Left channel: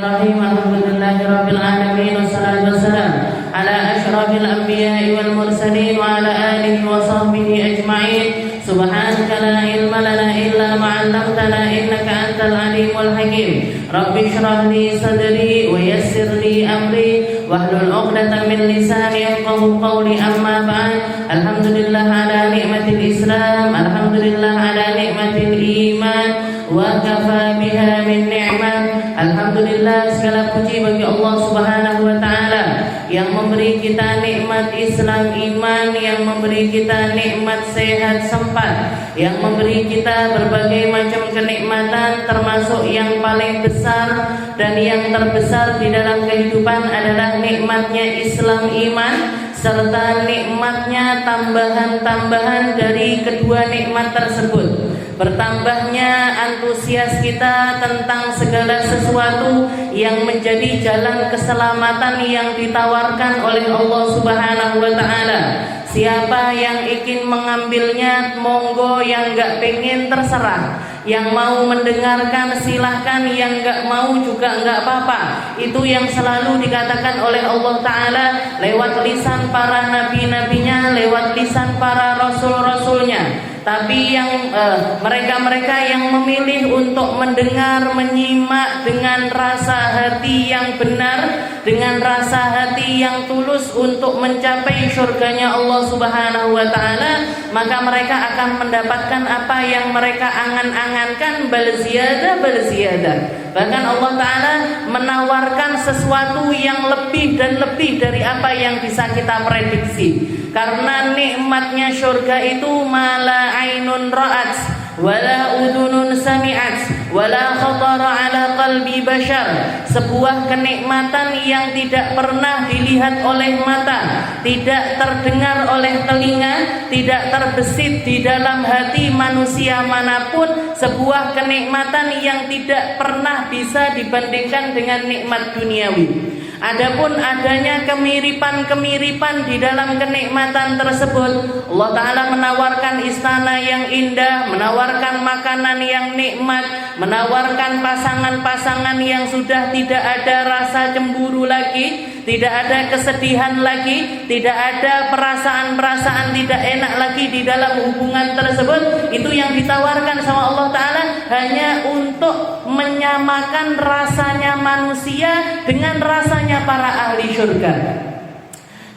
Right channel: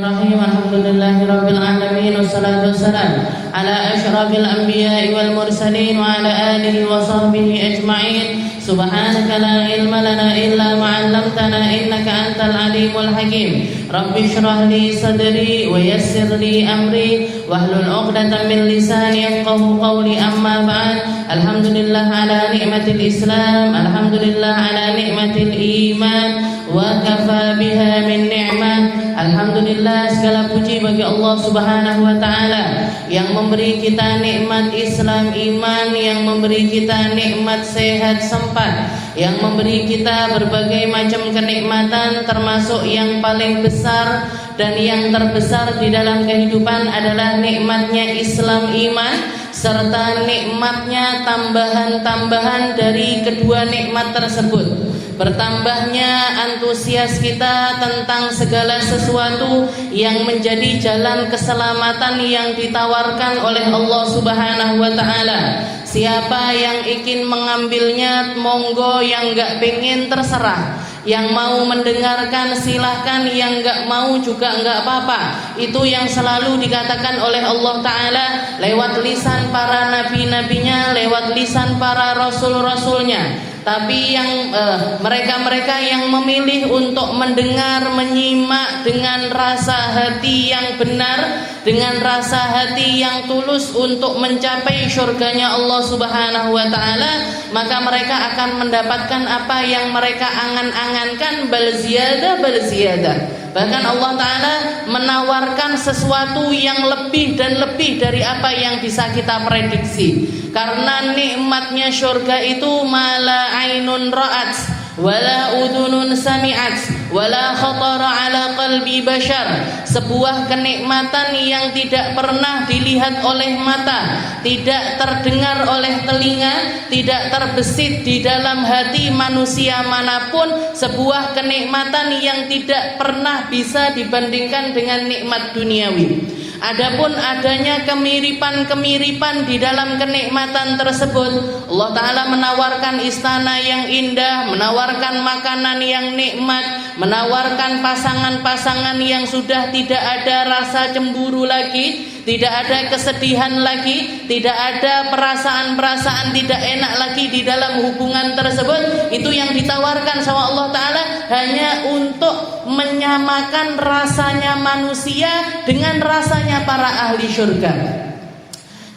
Bismillahirrahmanirrahim. Alhamdulillahirabbil alamin wassalatu wassalamu ala asyrafil anbiya'i wal mursalin wa ala alihi wa sahbihi ajma'in. Subhanaka la ilma lana illa ma 'allamtana innaka antal alimul hakim. Rabbi shrah li sadri wa yassir li amri wahlul 'uqdatam min lisani yafqahu qawli. Amma ba'd. Alhamdulillah ala ni'matil Islam, alhamdulillah ala ni'matil iman wa kafa biha min ni'mah. Alhamdulillah, segala puji bagi Allah Subhanahu wa taala yang memberi kita nikmat Islam iman, yang memberi kita nikmat sehat sempat, yang memberi kita berbagai macam kenikmatan, termasuk yang paling besar dan yang terbesar di dalam kehidupan adalah nikmatnya Islam iman, serta nikmatnya tambahan-tambahan dari kedua nikmat tersebut. Bertambahnya antusias kita tentang segala sesuatu yang menjadi jalan keselamatan yang ditawarkan oleh Allah Subhanahu wa taala. Siapa yang ingin mengambilnya, monggo, yang enggak pengen terserah. Yang mau mendengarkan silahkan, yang enggak mau juga enggak apa-apa. Itu yang selalu dikatakan oleh Allah Ta'ala lewat lisan para nabi-nabinya, lewat lisan para rasul-rasulnya. Tapi yang mereka-mereka yang memilih untuk mendengar, menyimak dengan rasa hati yang benar, dengan rasa hati yang tulus untuk mencapai syurganya Allah Subhanahu wa taala, maka mereka akan mendapatkan apa yang mereka angan-angankan, bal ziyadah. Bahkan Allah Ta'ala menawarkan sesuatu yang lebih dan lebih dari apa yang bisa kita prediksi. Karena nikmatnya syurga itu mala ainun ra'at wala udunun sami'at wala khatara ala qalbi bashar. Sebuah kenikmatan yang tidak pernah dilihat oleh mata, tidak terdengar oleh telinga, tidak terbesit di dalam hati manusia manapun. Sebuah kenikmatan yang tidak pernah bisa dibandingkan dengan nikmat duniawi. Adapun adanya kemiripan-kemiripan di dalam kenikmatan tersebut, Allah Ta'ala menawarkan istana yang indah, menawarkan makanan yang nikmat, menawarkan pasangan-pasangan yang sudah tidak ada rasa cemburu lagi, tidak ada kesedihan lagi, tidak ada perasaan-perasaan tidak enak lagi di dalam hubungan tersebut. Itu yang ditawarkan sama Allah Ta'ala hanya untuk menyamakan rasanya manusia dengan rasanya para ahli syurga.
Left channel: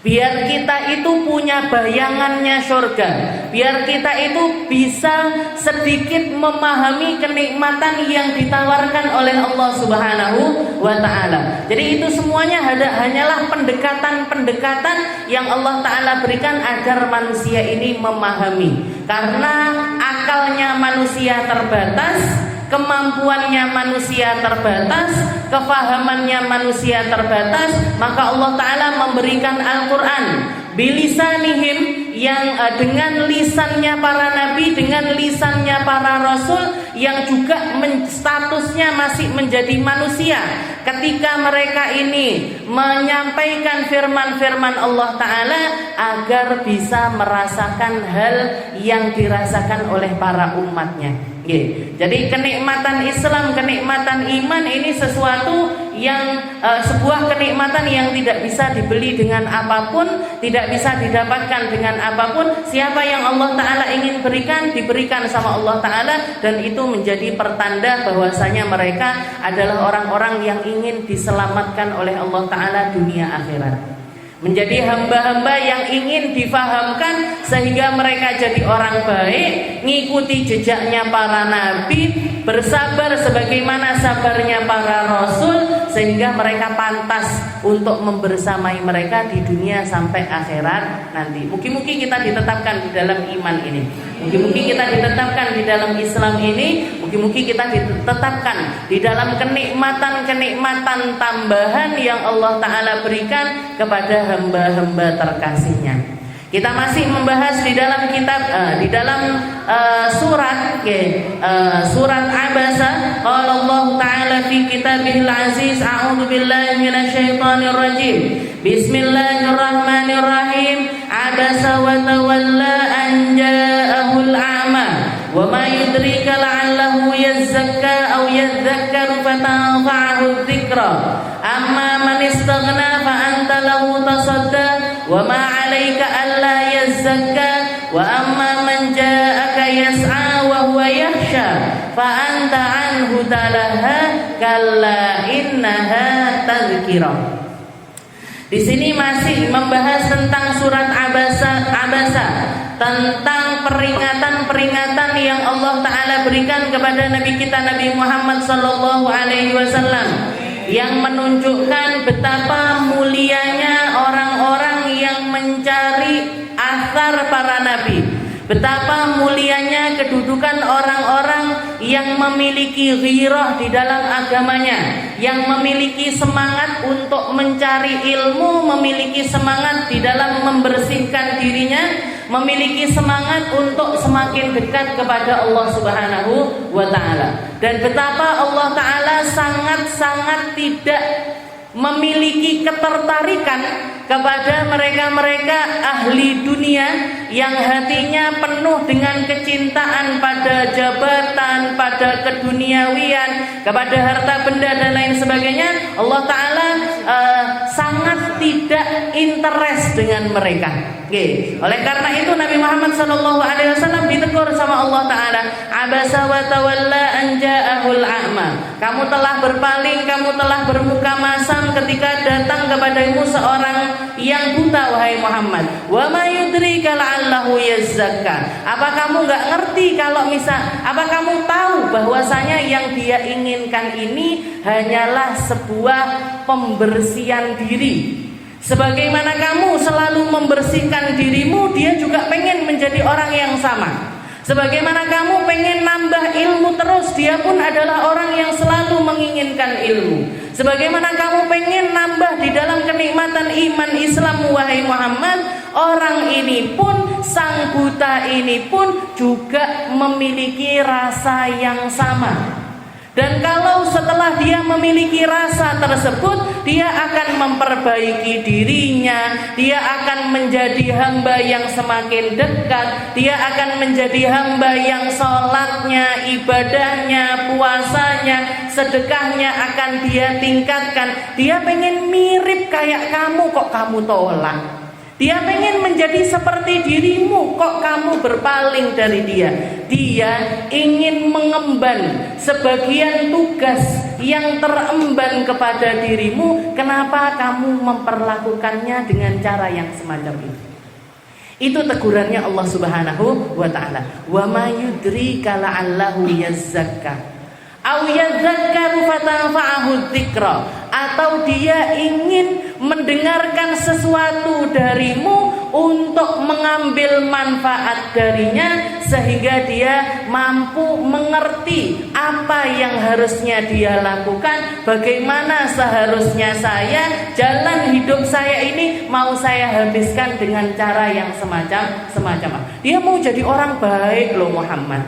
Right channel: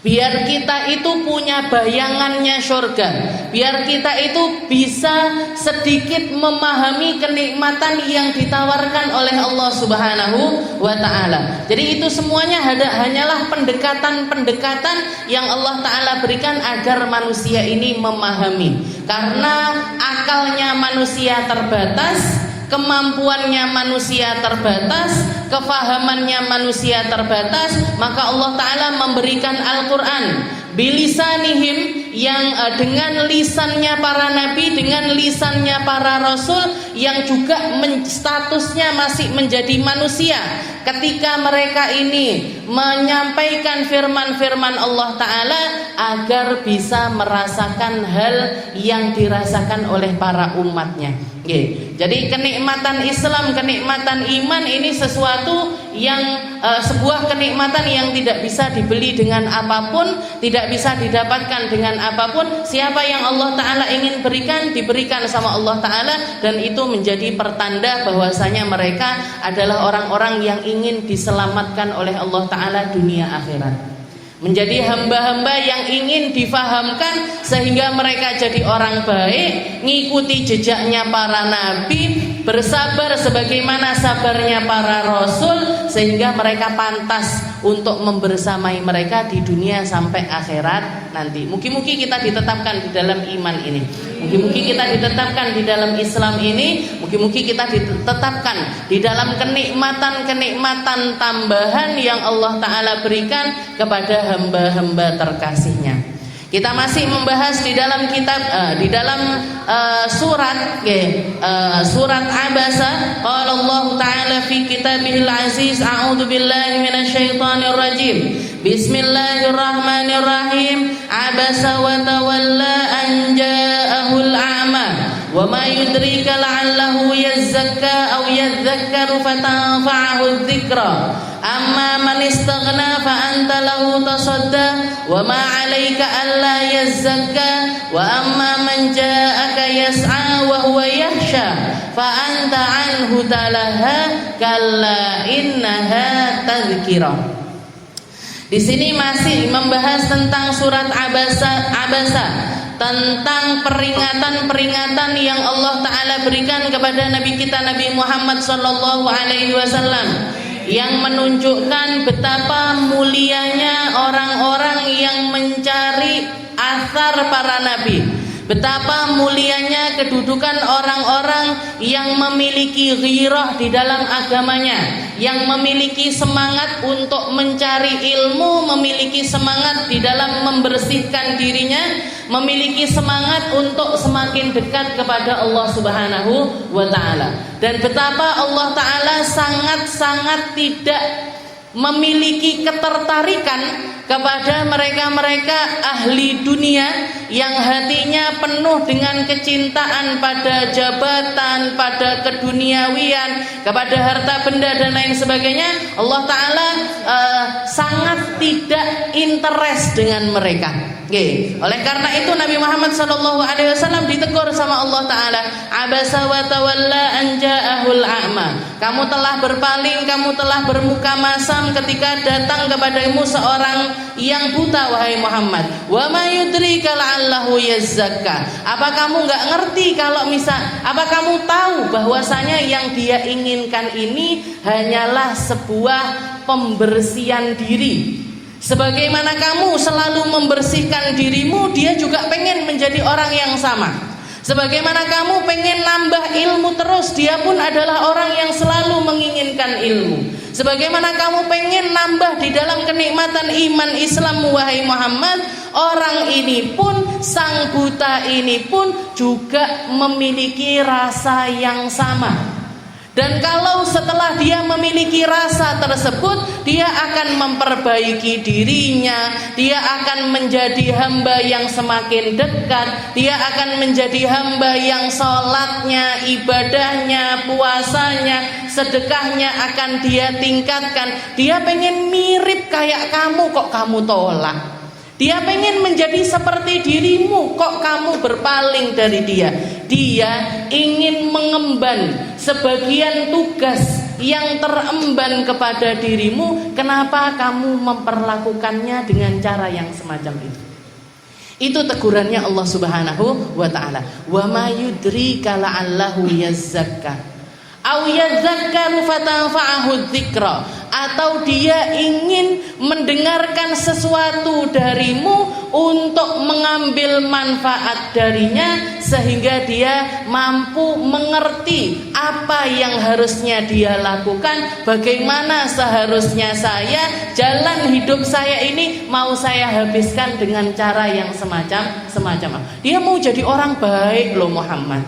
Biar kita itu punya bayangannya syurga, biar kita itu bisa sedikit memahami kenikmatan yang ditawarkan oleh Allah Subhanahu wa ta'ala. Jadi itu semuanya hanyalah pendekatan-pendekatan yang Allah Ta'ala berikan agar manusia ini memahami. Karena akalnya manusia terbatas, kemampuannya manusia terbatas, kefahamannya manusia terbatas, maka Allah Ta'ala memberikan Al-Quran bilisanihim, yang dengan lisannya para nabi, dengan lisannya para rasul yang juga statusnya masih menjadi manusia. Ketika mereka ini menyampaikan firman-firman Allah Ta'ala agar bisa merasakan hal yang dirasakan oleh para umatnya. Jadi kenikmatan Islam, kenikmatan iman ini sesuatu yang sebuah kenikmatan yang tidak bisa dibeli dengan apapun, tidak bisa didapatkan dengan apapun. Siapa yang Allah Ta'ala ingin berikan, diberikan sama Allah Ta'ala, dan itu menjadi pertanda bahwasanya mereka adalah orang-orang yang ingin diselamatkan oleh Allah Ta'ala dunia akhirat. Menjadi hamba-hamba yang ingin difahamkan sehingga mereka jadi orang baik, ngikuti jejaknya para nabi, bersabar sebagaimana sabarnya para rasul, sehingga mereka pantas untuk membersamai mereka di dunia sampai akhirat nanti. Mungkin kita ditetapkan di dalam iman ini, mungkin kita ditetapkan di dalam Islam ini, mungkin kita ditetapkan di dalam kenikmatan-kenikmatan tambahan yang Allah Ta'ala berikan kepada hamba-hamba terkasihnya. Kita masih membahas di dalam kitab di dalam surat Abasa. Qala Allah Ta'ala fi kitabihil aziz, a'udzu billahi minasyaitonir rajim. Bismillahirrahmanirrahim. Abasa wa tawalla an ja'ahul a'ma wa ma yudrika la'allahu yazakka aw yadhakkaru fatanfa'ahu dzikra dzikra. Amma man istaghna fa anta lahu tasadda wa ma 'alaika alla yazzakka wa amma man ja'aka yas'a wa huwa yakhsha fa anta 'anhu talaha kalla innaha tadhkirah. Di sini masih membahas tentang surat Abasa, tentang peringatan-peringatan yang Allah Ta'ala berikan kepada Nabi kita Nabi Muhammad Sallallahu Alaihi Wasallam, yang menunjukkan betapa mulianya orang-orang yang mencari athar para nabi, betapa mulianya kedudukan orang-orang yang memiliki ghirah di dalam agamanya, yang memiliki semangat untuk mencari ilmu, memiliki semangat di dalam membersihkan dirinya, memiliki semangat untuk semakin dekat kepada Allah Subhanahu wa Ta'ala. Dan betapa Allah Ta'ala sangat-sangat tidak memiliki ketertarikan kepada mereka-mereka ahli dunia yang hatinya penuh dengan kecintaan pada jabatan, pada keduniawian, kepada harta benda dan lain sebagainya. Allah Ta'ala sangat tidak interest dengan mereka. Oleh karena itu Nabi Muhammad SAW ditegur sama Allah Ta'ala, abasa wa tawalla an ja'ahul a'ma. Kamu telah berpaling, kamu telah bermuka masam ketika datang kepadamu seorang yang buta, wahai Muhammad. Wa ma yudrika la'allahu yazzakka. Apa kamu enggak ngerti kalau apa kamu tahu bahwasanya yang dia inginkan ini hanyalah sebuah pembersihan diri. Sebagaimana kamu selalu membersihkan dirimu, dia juga pengen menjadi orang yang sama. Sebagaimana kamu pengen nambah ilmu terus, dia pun adalah orang yang selalu menginginkan ilmu. Sebagaimana kamu pengen nambah di dalam kenikmatan iman Islam, wahai Muhammad, orang ini pun, sang buta ini pun juga memiliki rasa yang sama. Dan kalau setelah dia memiliki rasa tersebut, dia akan memperbaiki dirinya, dia akan menjadi hamba yang semakin dekat, dia akan menjadi hamba yang sholatnya, ibadahnya, puasanya, sedekahnya akan dia tingkatkan. Dia pengen mirip kayak kamu, kok kamu tolak. Dia pengen menjadi seperti dirimu, kok kamu berpaling dari dia. Dia ingin mengemban sebagian tugas yang teremban kepada dirimu. Kenapa kamu memperlakukannya dengan cara yang semacam itu? Itu tegurannya Allah Subhanahu wa Ta'ala. Wa ma yudrika la'allahu yazzakka aw yadzakkaru fatanfa'ahu dzikra. Atau dia ingin mendengarkan sesuatu darimu untuk mengambil manfaat darinya, sehingga dia mampu mengerti apa yang harusnya dia lakukan, bagaimana seharusnya jalan hidup saya ini mau saya habiskan dengan cara yang semacam. Dia mau jadi orang baik loh Muhammad.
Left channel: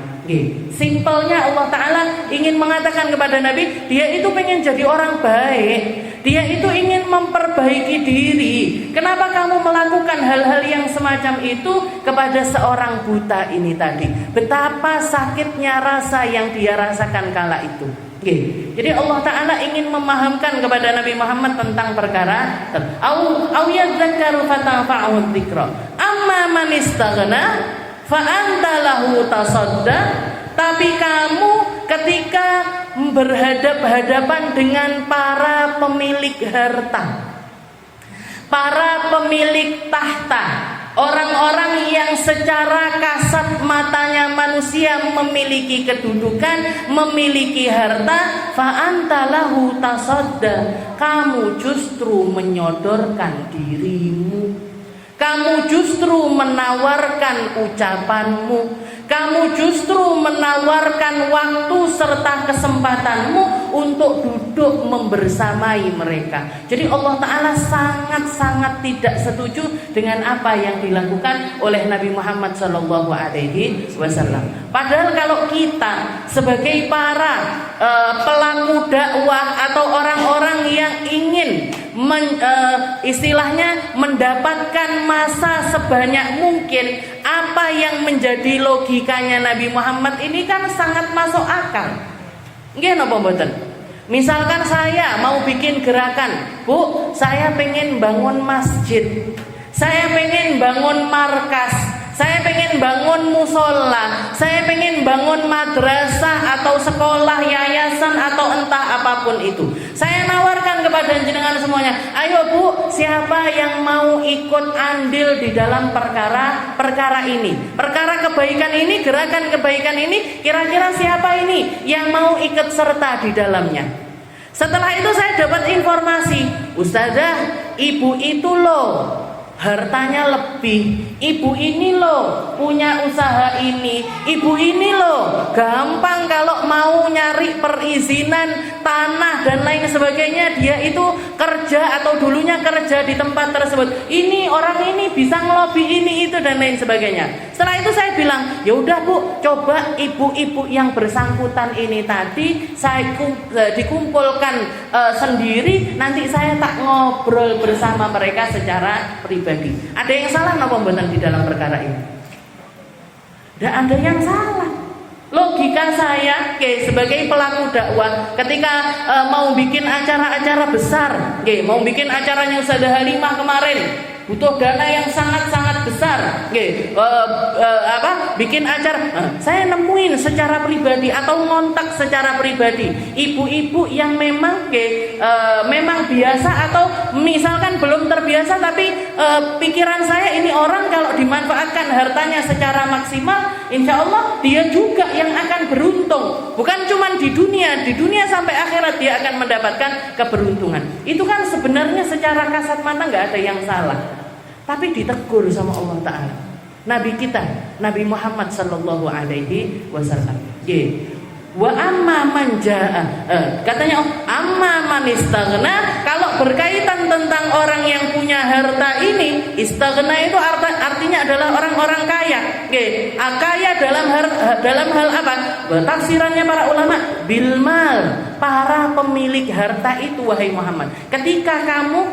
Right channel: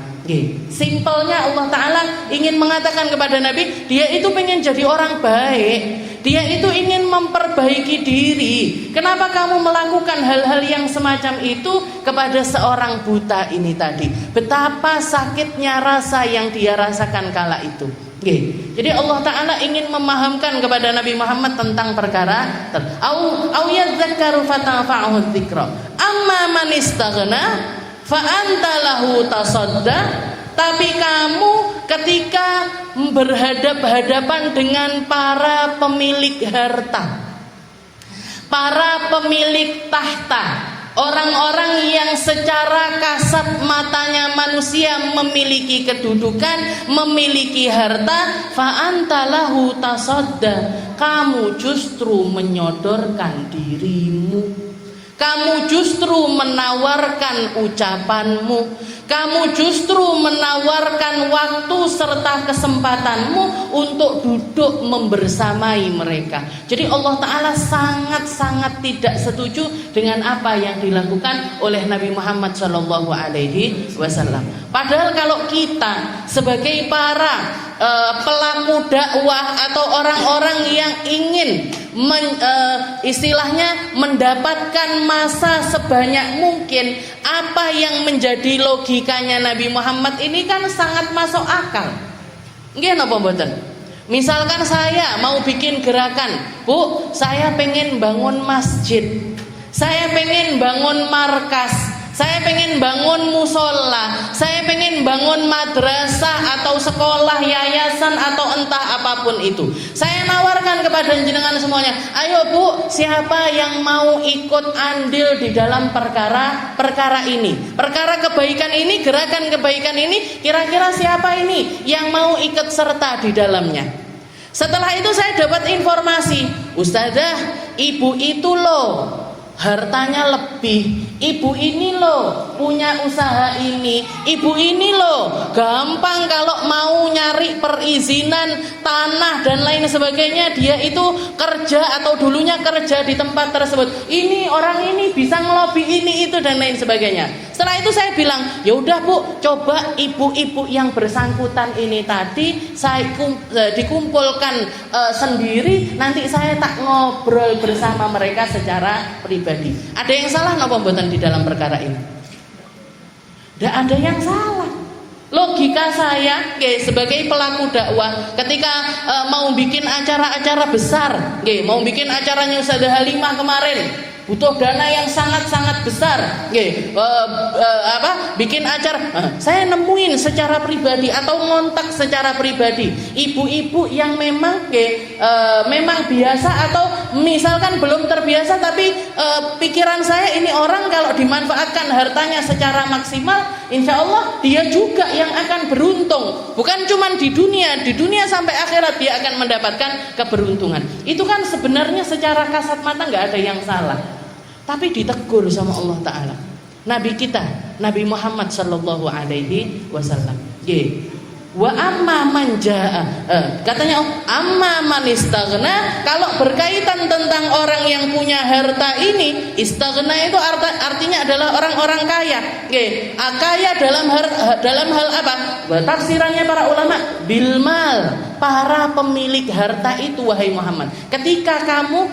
Simpelnya Allah Ta'ala ingin mengatakan kepada Nabi, dia itu pengen jadi orang baik, dia itu ingin memperbaiki diri. Kenapa kamu melakukan hal-hal yang semacam itu kepada seorang buta ini tadi? Betapa sakitnya rasa yang dia rasakan kala itu. Jadi Allah Ta'ala ingin memahamkan kepada Nabi Muhammad tentang perkara au yadzakkaru fatanfa'ahu dzikra amma man istaghna fa anta lahu tasadda. Tapi kamu ketika berhadap-hadapan dengan para pemilik harta, para pemilik tahta, orang-orang yang secara kasat matanya manusia memiliki kedudukan, memiliki harta, fa anta lahu tasadda. Kamu justru menyodorkan dirimu, kamu justru menawarkan ucapanmu, kamu justru menawarkan waktu serta kesempatanmu untuk duduk membersamai mereka. Jadi Allah Ta'ala sangat-sangat tidak setuju dengan apa yang dilakukan oleh Nabi Muhammad SAW. Padahal kalau kita sebagai para pelaku dakwah atau orang-orang yang ingin istilahnya mendapatkan masa sebanyak mungkin, apa yang menjadi logikanya Nabi Muhammad ini kan sangat masuk akal. Nggih napa mboten? Misalkan saya mau bikin gerakan, Bu, saya pengen bangun masjid, saya pengen bangun markas, saya pengen bangun musola, saya pengen bangun madrasah atau sekolah, yayasan atau entah apapun itu. Saya nawarkan kepada jenengan semuanya, ayo Bu, siapa yang mau ikut andil di dalam perkara ini, perkara kebaikan ini, gerakan kebaikan ini, kira-kira siapa ini yang mau ikut serta di dalamnya? Setelah itu saya dapat informasi, Ustazah, ibu itu loh hartanya lebih, ibu ini loh punya usaha ini, ibu ini loh gampang kalau mau nyari perizinan tanah dan lain sebagainya, dia itu kerja atau dulunya kerja di tempat tersebut, ini orang ini bisa ngelobi ini itu dan lain sebagainya. Setelah itu saya bilang, ya udah Bu, coba ibu-ibu yang bersangkutan ini tadi saya dikumpulkan sendiri, nanti saya tak ngobrol bersama mereka secara pribadi. Ada yang salah napa mboten di dalam perkara ini? Tidak ada yang salah. Logika saya sebagai pelaku dakwah ketika mau bikin acara-acara besar, mau bikin acaranya Ustazah Halimah kemarin, butuh dana yang sangat-sangat besar, bikin acara, saya nemuin secara pribadi atau ngontak secara pribadi ibu-ibu yang memang memang biasa atau misalkan belum terbiasa, tapi pikiran saya ini orang kalau dimanfaatkan hartanya secara maksimal, insya Allah dia juga yang akan beruntung, bukan cuma di dunia sampai akhirat dia akan mendapatkan keberuntungan. Itu kan sebenarnya secara kasat mata nggak ada yang salah, tapi ditegur sama Allah Ta'ala. Nabi kita, Nabi Muhammad Sallallahu Alaihi Wasallam, wa amma man jaa, katanya amma man istaghna, kalau berkaitan tentang orang yang punya harta ini, istaghna itu artinya adalah orang-orang kaya. Kaya dalam hal apa? Tafsirannya para ulama, bil mal, para pemilik harta itu wahai Muhammad. Ketika kamu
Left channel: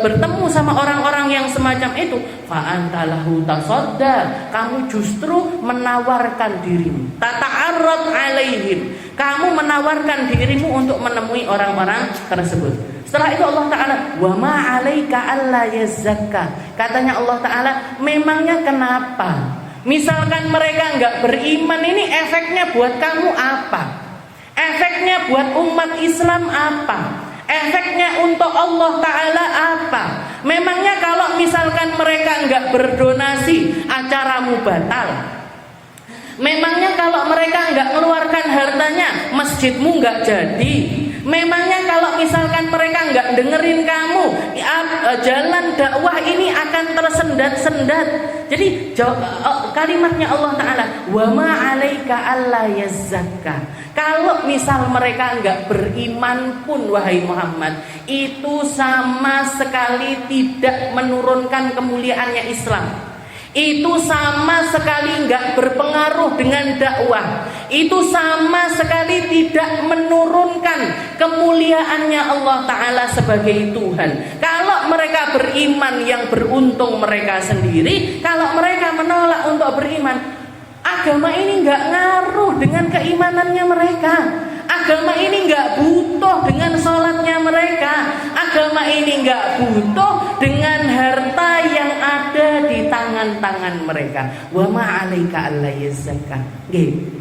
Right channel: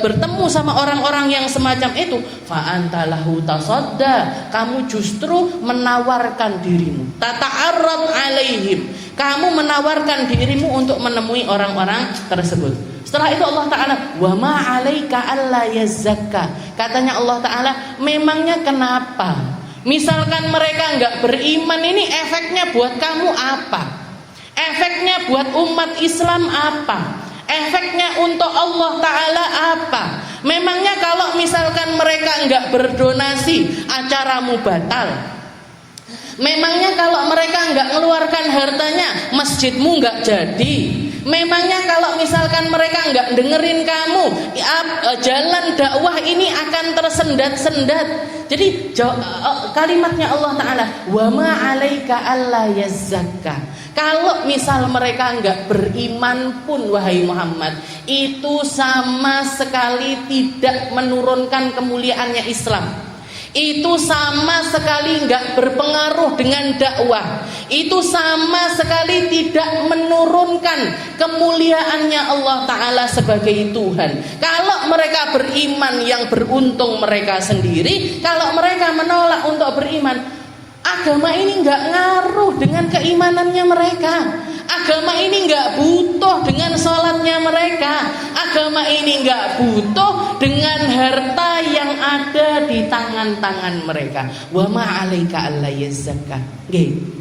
bertemu sama orang-orang yang semacam itu, fa antalahu tasadda, kamu justru menawarkan dirimu, tata'arrad alaihim, kamu menawarkan dirimu untuk menemui orang-orang tersebut. Setelah itu Allah Ta'ala, wa ma 'alaika alla yazakka, katanya Allah Ta'ala, memangnya kenapa? Misalkan mereka enggak beriman, ini efeknya buat kamu apa? Efeknya buat umat Islam apa? Efeknya untuk Allah Ta'ala apa? Memangnya kalau misalkan mereka enggak berdonasi, acaramu batal? Memangnya kalau mereka enggak mengeluarkan hartanya, masjidmu enggak jadi? Memangnya kalau misalkan mereka enggak dengerin kamu, jalan dakwah ini akan tersendat-sendat? Jadi kalimatnya Allah Ta'ala, wa ma 'alaika alla yazakka, kalau misal mereka enggak beriman pun wahai Muhammad, itu sama sekali tidak menurunkan kemuliaannya Islam. Itu sama sekali enggak berpengaruh dengan dakwah. Itu sama sekali tidak menurunkan kemuliaannya Allah Ta'ala sebagai Tuhan. Kalau mereka beriman, yang beruntung mereka sendiri. Kalau mereka menolak untuk beriman, agama ini enggak ngaruh dengan keimanannya mereka. Agama ini enggak butuh dengan sholatnya mereka. Agama ini enggak butuh dengan harta yang ada di tangan-tangan mereka. Wa ma 'alaika alla yazakka.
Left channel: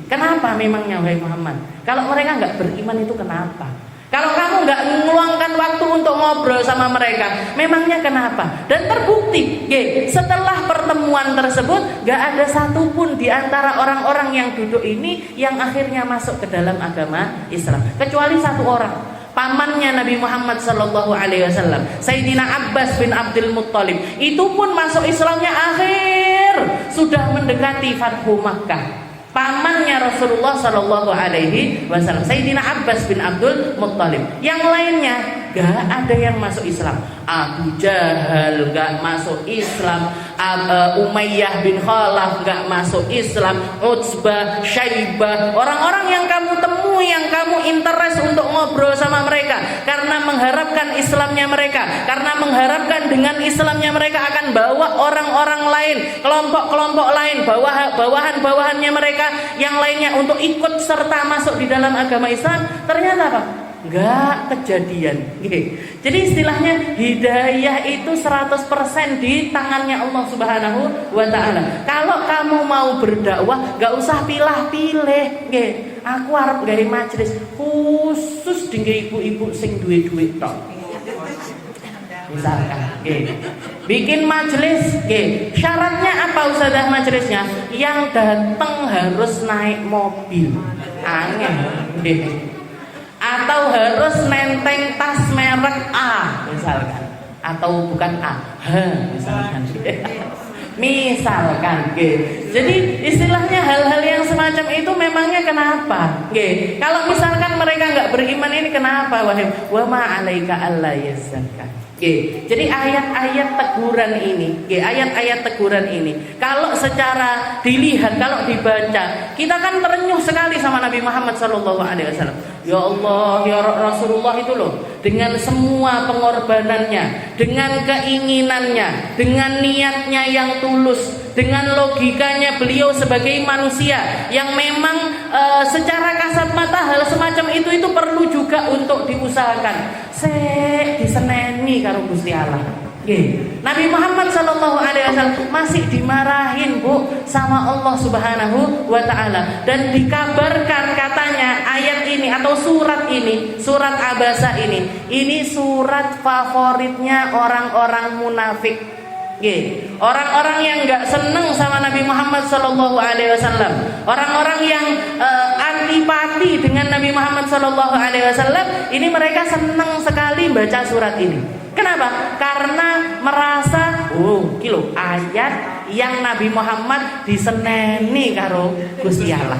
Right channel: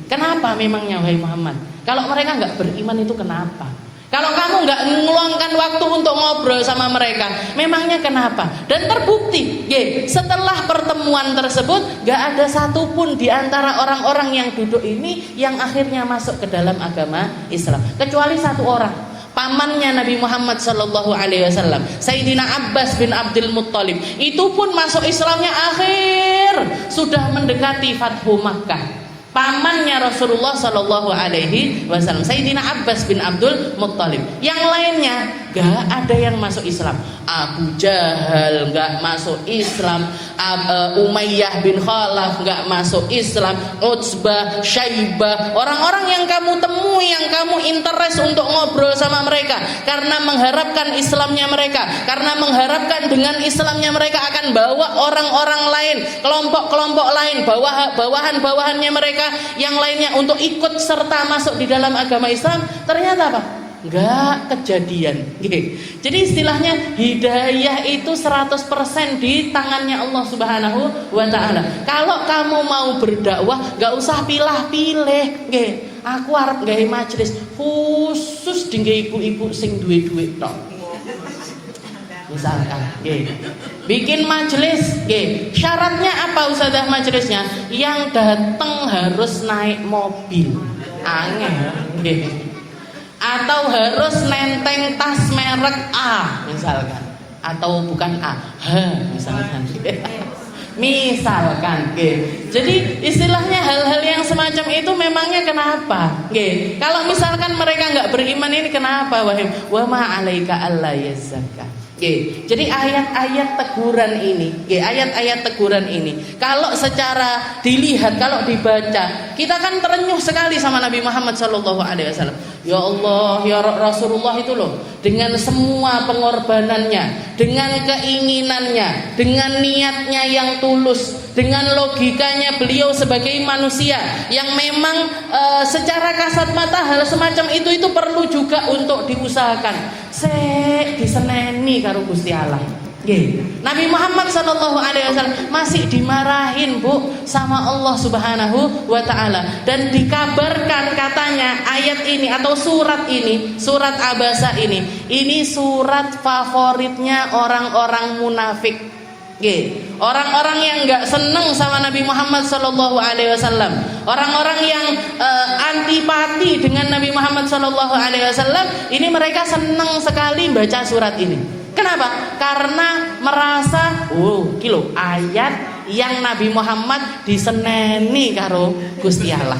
Kenapa memangnya wahai Muhammad? Kalau mereka enggak beriman itu kenapa? Kalau kamu enggak meluangkan waktu untuk ngobrol sama mereka, memangnya kenapa? Dan terbukti, setelah pertemuan tersebut, enggak ada satupun di antara orang-orang yang duduk ini yang akhirnya masuk ke dalam agama Islam, kecuali satu orang, pamannya Nabi Muhammad Sallallahu Alaihi Wasallam, Sayyidina Abbas bin Abdul Muttalib. Itu pun masuk Islamnya akhir, sudah mendekati Fathu Makkah. Pamannya Rasulullah Sallallahu Alaihi Wasallam, Sayyidina Abbas bin Abdul Muttalib. Yang lainnya gak ada yang masuk Islam. Abu Jahal gak masuk Islam, Umayyah bin Khalaf gak masuk Islam, Utsbah, Syaibah, orang-orang yang kamu temui, yang kamu interest untuk ngobrol sama mereka karena mengharapkan Islamnya mereka, karena mengharapkan dengan Islamnya mereka akan bawa orang-orang lain, kelompok-kelompok lain, bawahan-bawahannya mereka yang lainnya untuk ikut serta masuk di dalam agama Islam. Ternyata apa? nggak kejadian. Jadi istilahnya hidayah itu 100% di tangannya Allah Subhanahu wa Ta'ala. Kalau kamu mau berdakwah, nggak usah pilih-pilih. Aku harap gawe majelis khusus dinggo ibu-ibu sing duwe duit tok. Misalkan, bikin majelis, syaratnya apa Ustazah majelisnya? Yang datang harus naik mobil, aneh, atau harus nenteng tas merek A, misalkan, atau bukan A, H, misalkan, misalkan, Jadi istilahnya hal-hal yang semacam itu memangnya kenapa? Kalau misalkan mereka nggak beriman ini kenapa? Wa ma 'alaika alla yazakka. Jadi ayat-ayat teguran ini, ayat-ayat teguran ini, kalau secara dilihat, kalau dibaca, kita kan terenyuh sekali sama Nabi Muhammad SAW. Ya Allah, ya Rasulullah itu loh, dengan semua pengorbanannya, dengan keinginannya, dengan niatnya yang tulus, dengan logikanya beliau sebagai manusia yang memang secara kasat mata hal semacam itu perlu juga untuk diusahakan. Diseneni karo Gusti Allah. Nabi Muhammad SAW masih dimarahin sama Allah Subhanahu wa Ta'ala, dan dikabarkan katanya ayat ini atau surat ini, surat Abasa ini surat favoritnya orang-orang munafik. Orang-orang yang nggak seneng sama Nabi Muhammad SAW, orang-orang yang antipati dengan Nabi Muhammad SAW, ini mereka seneng sekali baca surat ini. Kenapa? Karena merasa, ayat yang Nabi Muhammad diseneni karo Gusti Allah.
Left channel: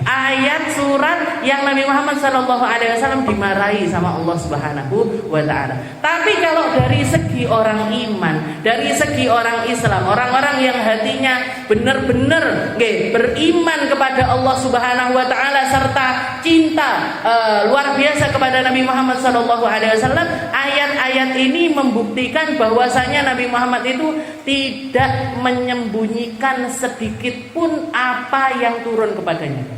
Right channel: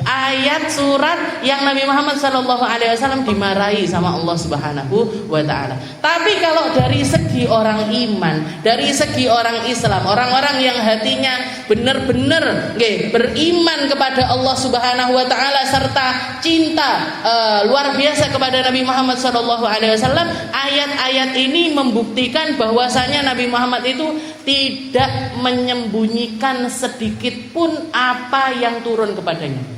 Ayat surat yang Nabi Muhammad SAW dimarahi sama Allah Subhanahu wa Ta'ala. Tapi kalau dari segi orang iman, dari segi orang Islam, orang-orang yang hatinya benar-benar beriman kepada Allah Subhanahu wa Ta'ala serta cinta luar biasa kepada Nabi Muhammad SAW, ayat-ayat ini membuktikan bahwasanya Nabi Muhammad itu tidak menyembunyikan sedikit pun apa yang turun kepadanya.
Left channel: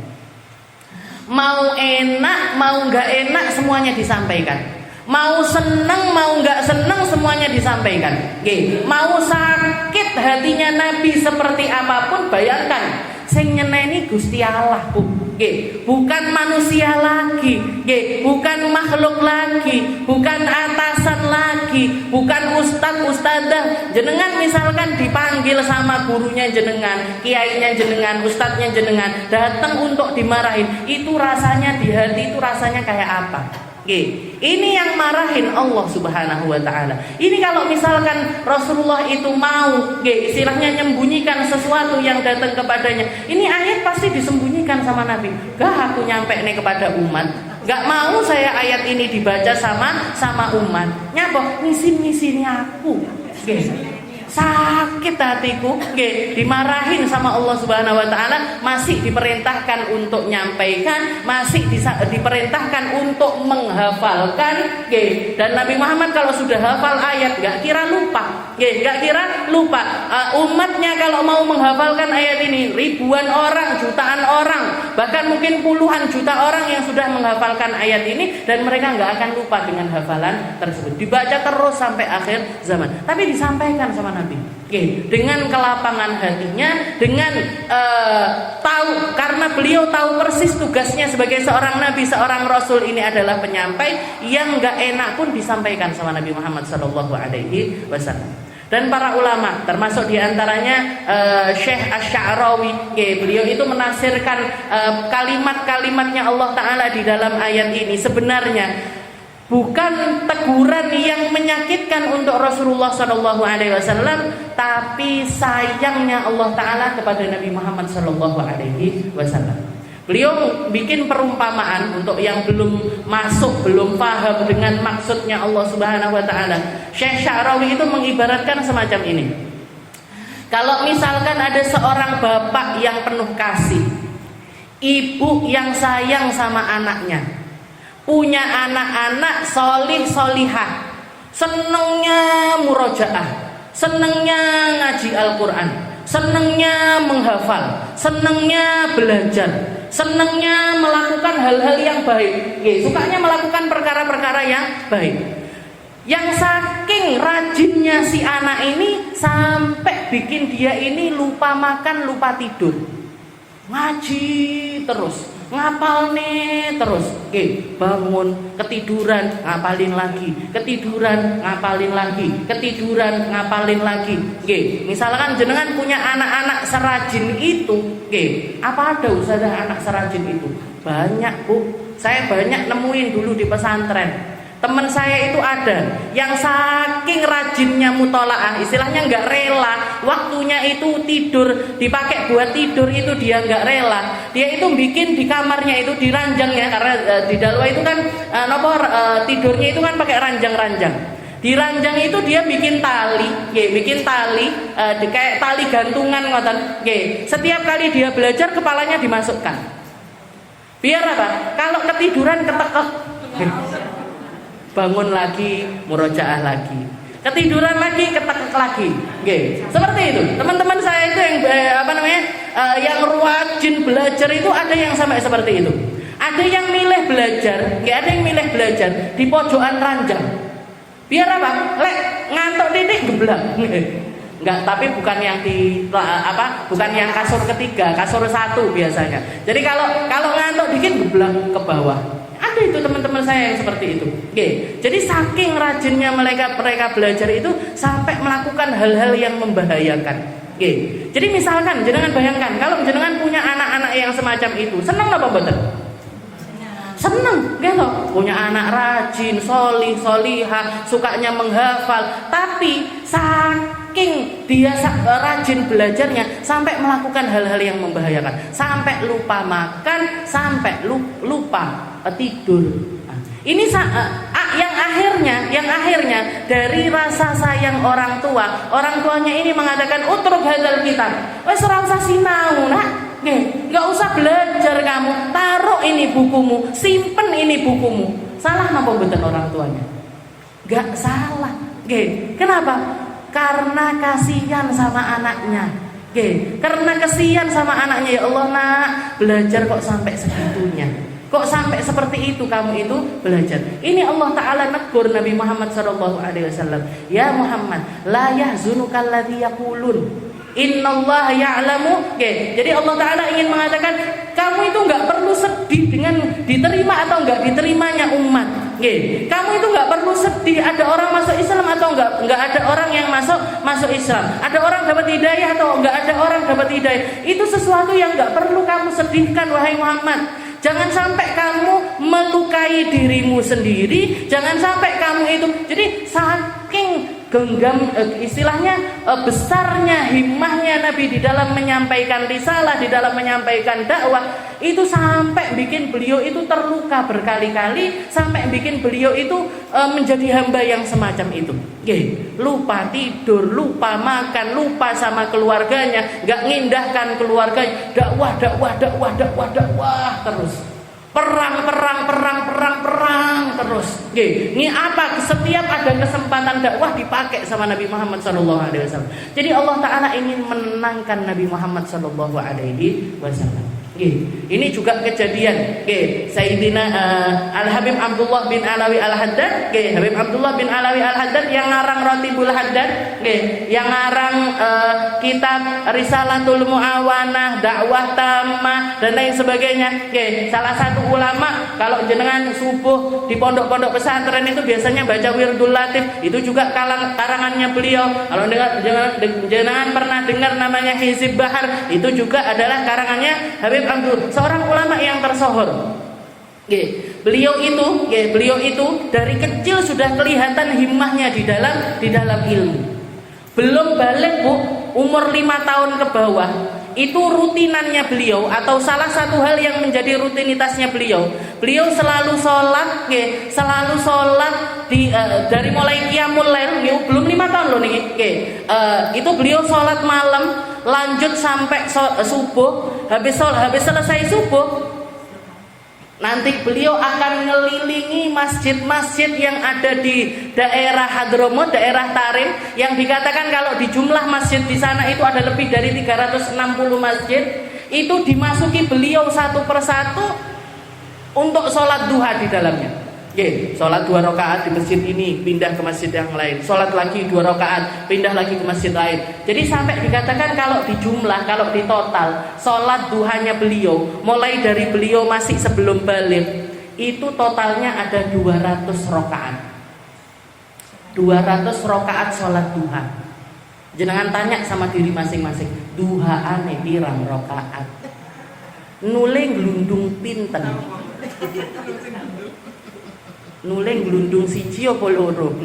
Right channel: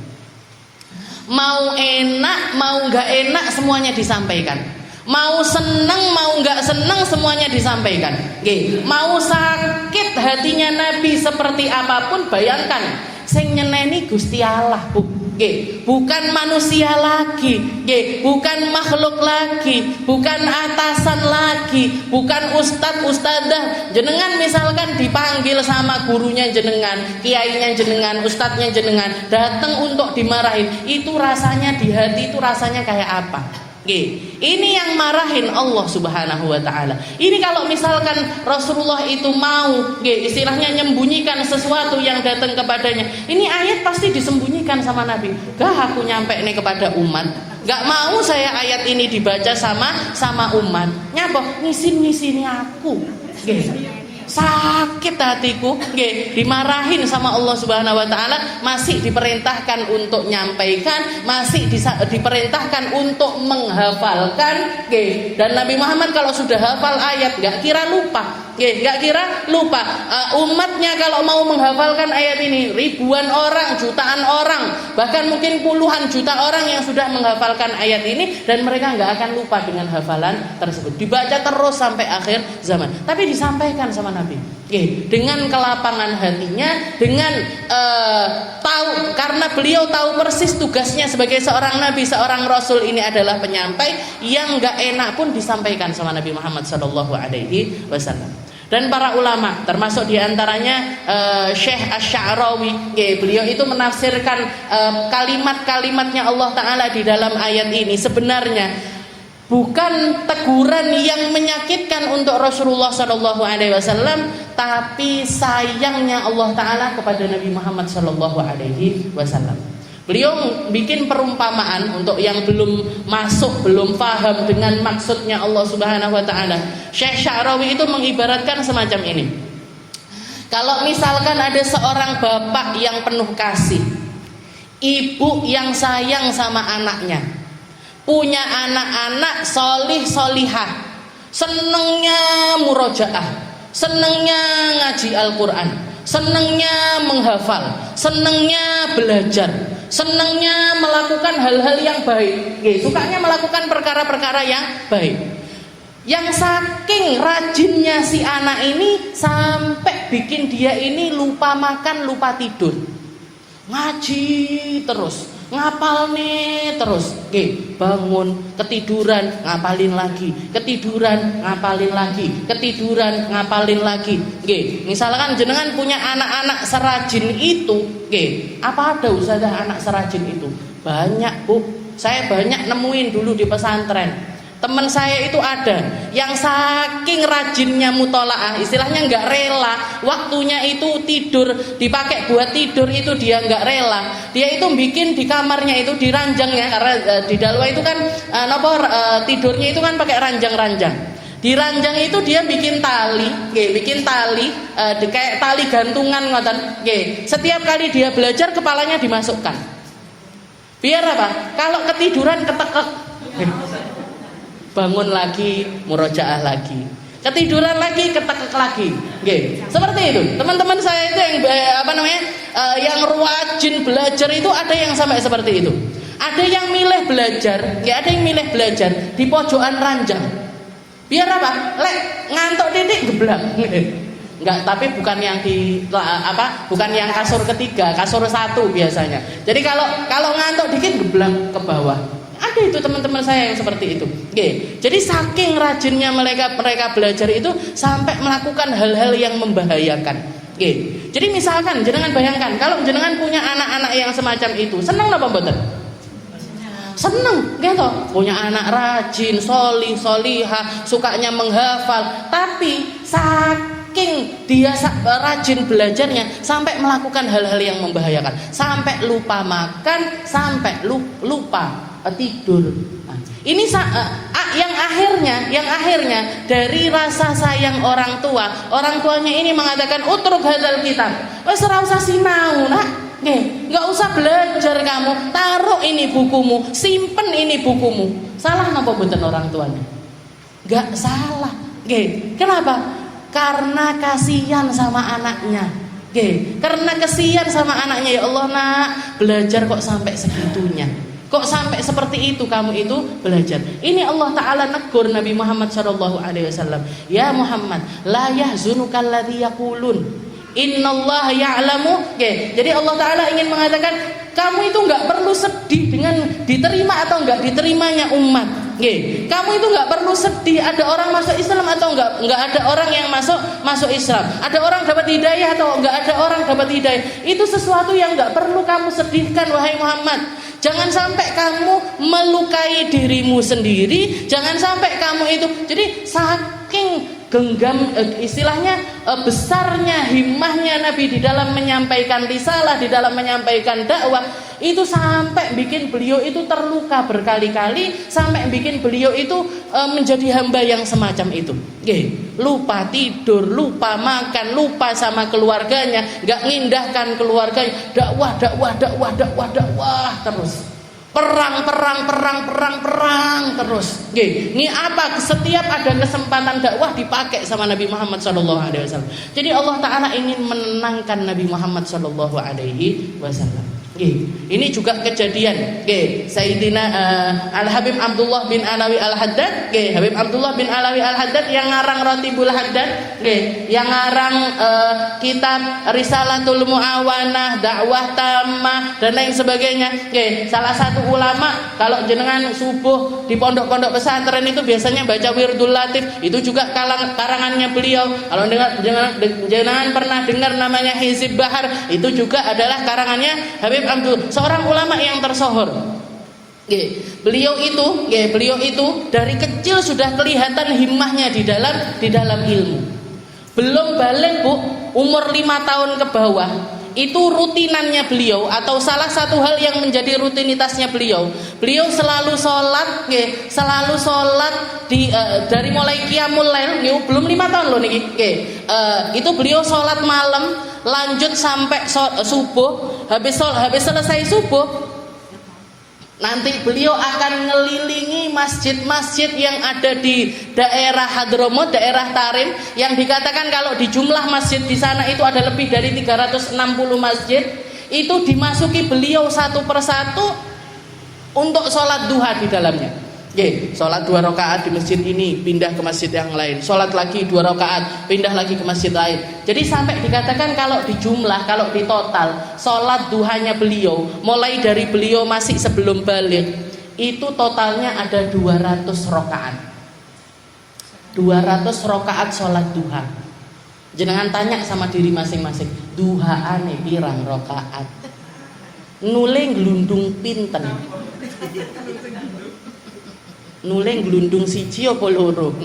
Mau enak, mau nggak enak, semuanya disampaikan. Mau seneng, mau nggak seneng, semuanya disampaikan. Mau sakit hatinya Nabi seperti apapun, bayangkan, sing nyeneni Gusti Allah, bukan manusia lagi, bukan makhluk lagi, bukan atasan lagi, bukan ustadzah. Jenengan misalkan dipanggil sama gurunya jenengan, kiainya jenengan, ustadznya jenengan, datang untuk dimarahin, itu rasanya di hati itu rasanya kayak apa? Ini yang marahin Allah Subhanahu wa Ta'ala. Ini kalau misalkan Rasulullah itu mau istilahnya nyembunyikan sesuatu yang datang kepadanya, ini ayat pasti disembunyikan sama Nabi. Gak aku nyampe nih kepada umat, gak mau saya ayat ini dibaca sama umat. Nyapa ngisin-ngisini aku, sakit hatiku, dimarahin sama Allah Subhanahu wa Ta'ala, masih diperintahkan untuk nyampaikan, masih diperintahkan untuk menghafalkan, dan Nabi Muhammad kalau sudah hafal ayat gak kira lupa, umatnya kalau mau menghafalkan ayat ini, ribuan orang, jutaan orang, bahkan mungkin puluhan juta orang yang sudah menghafalkan ayat ini, dan mereka gak akan lupa dengan hafalan tersebut, dibaca terus sampai akhir zaman. Tapi disampaikan sama Nabi dengan kelapangan hatinya, dengan tahu, karena beliau tahu persis tugasnya sebagai seorang nabi, seorang rasul ini adalah penyampai, yang gak enak pun disampaikan sama Nabi Muhammad SAW. Dan para ulama, termasuk diantaranya Syekh Asy-Sya'rawi, beliau itu menafsirkan kalimat-kalimatnya Allah Ta'ala di dalam ayat ini sebenarnya bukan teguran yang menyakitkan untuk Rasulullah SAW, tapi sayangnya Allah Ta'ala kepada Nabi Muhammad SAW. Beliau bikin perumpamaan untuk yang belum masuk, belum paham dengan maksudnya Allah Subhanahu wa Ta'ala. Syekh Sya'rawi itu mengibaratkan semacam ini. Kalau misalkan ada seorang bapak yang penuh kasih, ibu yang sayang sama anaknya, punya anak-anak solih solihah, senengnya murojaah, senengnya ngaji Al-Quran, senengnya menghafal, senengnya belajar, senangnya melakukan hal-hal yang baik, sukanya melakukan perkara-perkara yang baik. Yang saking rajinnya si anak ini sampai bikin dia ini lupa makan, lupa tidur. Ngaji terus, ngapal nih terus, bangun ketiduran ngapalin lagi, ketiduran ngapalin lagi, ketiduran ngapalin lagi. Misalkan jenengan punya anak-anak serajin itu, apa ada usaha anak serajin itu? Banyak Bu, saya banyak nemuin dulu di pesantren. Teman saya itu ada yang saking rajinnya mutolaah, istilahnya nggak rela waktunya itu tidur dipakai buat tidur, itu dia nggak rela. Dia itu bikin di kamarnya itu di ranjang ya, karena di Dalwa itu kan tidurnya itu kan pakai ranjang-ranjang. Di ranjang itu dia bikin tali, kayak tali gantungan ngoten. Setiap kali dia belajar kepalanya dimasukkan. Biar apa? Kalau ketiduran ketekek. Bangun lagi, murojaah lagi, ketiduran lagi, ketekek lagi, seperti itu. Teman-teman saya itu yang yang rajin belajar itu ada yang sampai seperti itu. Ada yang milih belajar, ada yang milih belajar di pojokan ranjang. Biar apa? Ngantuk titik geblak. Enggak, tapi bukan yang bukan yang kasur ketiga, kasur satu biasanya. Jadi kalau ngantuk dikit geblak ke bawah. Ada itu teman-teman saya yang seperti itu. Jadi saking rajinnya mereka belajar itu sampai melakukan hal-hal yang membahayakan. Jadi misalkan jangan bayangkan kalau jenengan punya anak-anak yang semacam itu, senang apa mboten? Senang, gitu. Punya anak rajin, solih, solihah, sukanya menghafal, tapi saking dia rajin belajarnya sampai melakukan hal-hal yang membahayakan, sampai lupa makan, sampai lupa tidur. Ini yang akhirnya dari rasa sayang orang tuanya ini mengatakan utruk hadzal kitab, wis ora usah sinau nak, nggak usah belajar kamu, taruh ini bukumu, simpen ini bukumu. Salah napa mboten orang tuanya? Nggak salah. Kenapa? Karena kasihan sama anaknya. Karena kasihan sama anaknya. Ya Allah nak, belajar kok sampai segitunya. Kok sampai seperti itu kamu itu belajar. Ini Allah Ta'ala negur Nabi Muhammad SAW. Ya Muhammad, la yahzunukal ladzi yaqulun innallaha ya'lamu. Jadi Allah Ta'ala ingin mengatakan kamu itu gak perlu sedih dengan diterima atau gak diterimanya umat. Kamu itu gak perlu sedih ada orang masuk Islam atau gak ada orang yang masuk Islam. Ada orang dapat hidayah atau gak ada orang dapat hidayah. Itu sesuatu yang gak perlu kamu sedihkan wahai Muhammad. Jangan sampai kamu melukai dirimu sendiri. Jangan sampai kamu itu. Jadi saking genggam istilahnya besarnya himmahnya Nabi di dalam menyampaikan risalah, di dalam menyampaikan dakwah, itu sampai bikin beliau itu terluka berkali-kali, sampai bikin beliau itu menjadi hamba yang semacam itu. Lupa tidur, lupa makan, lupa sama keluarganya, gak ngindahkan keluarganya, dakwah terus. Perang terus. Ini apa? Setiap ada kesempatan dakwah dipakai sama Nabi Muhammad SAW. Jadi Allah Ta'ala ingin menenangkan Nabi Muhammad SAW. Ini juga kejadian. Sayyidina Al-Habib Abdullah bin Alawi Al-Haddad. Habib Abdullah bin Alawi Al-Haddad yang ngarang Ratibul Haddad, yang ngarang kitab Risalatul Mu'awanah, Dakwah Tammah dan lain sebagainya. Salah satu ulama, kalau jenengan subuh di pondok-pondok pesantren itu biasanya baca Wirdul Latif, itu juga karangannya beliau. Kalau jenengan pernah dengar namanya Hizib Bahar, itu juga adalah karangannya Habib Abdul, seorang ulama yang tersohor. Beliau itu dari kecil sudah kelihatan himmahnya di dalam ilmu. Belum balik Bu, umur 5 tahun ke bawah, itu rutinannya beliau atau salah satu hal yang menjadi rutinitasnya beliau selalu sholat, dari mulai qiyamul lail, belum 5 tahun loh niki. Itu beliau sholat malam lanjut sampai subuh. Habis selesai subuh, nanti beliau akan ngelilingi masjid-masjid yang ada di daerah Hadramut, daerah Tarim, yang dikatakan kalau di jumlah masjid di sana itu ada lebih dari 360 masjid. itu dimasuki beliau satu persatu untuk sholat duha di dalamnya. Sholat 2 rakaat di masjid ini, pindah ke masjid yang lain. Sholat lagi 2 rakaat, pindah lagi ke masjid lain. Jadi sampai dikatakan kalau di jumlah, kalau di total, sholat duhanya beliau, mulai dari beliau masih sebelum balik, itu totalnya ada 200 rakaat. 200 rakaat sholat duha. Jenengan tanya sama diri masing-masing, duhaane pirang rakaat? Nuling glundung pinten? Nuling glundung siji apa loro?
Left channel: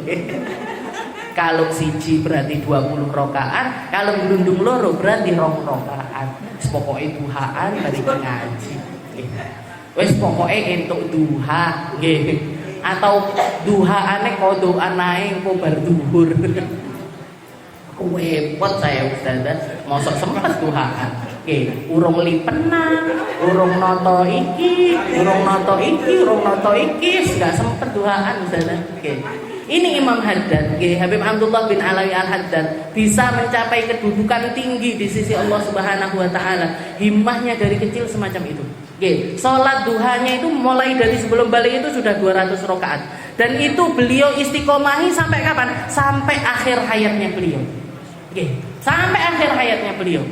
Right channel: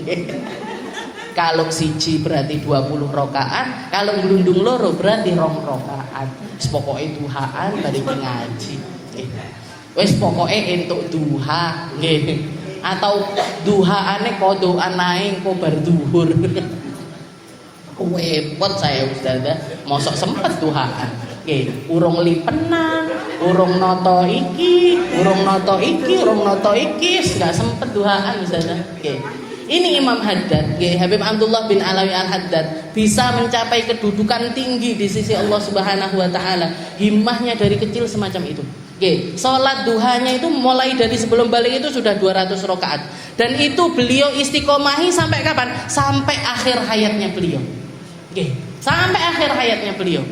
Kalau siji berarti 20 rakaat, kalau glundung loro berarti 2 rakaat. Pokoke duhaan dari pengaji. Wis pokoke entuk duha nggih. Atau duhaane kodokan ae engko bar duhur. Repot saya Ustazah, mosok sempet duhaan. Urung lipenan, urung noto iki, gak sempet duhaan Ustazah. Ini Imam Haddad, Habib Abdullah bin Alawi Al-Haddad, bisa mencapai kedudukan tinggi di sisi Allah Subhanahu wa taala. Himmahnya dari kecil semacam itu. Salat duhanya itu mulai dari sebelum balik itu sudah 200 rakaat. Dan itu beliau istiqomahi sampai kapan? Sampai akhir hayatnya beliau. Sampai akhir hayatnya beliau.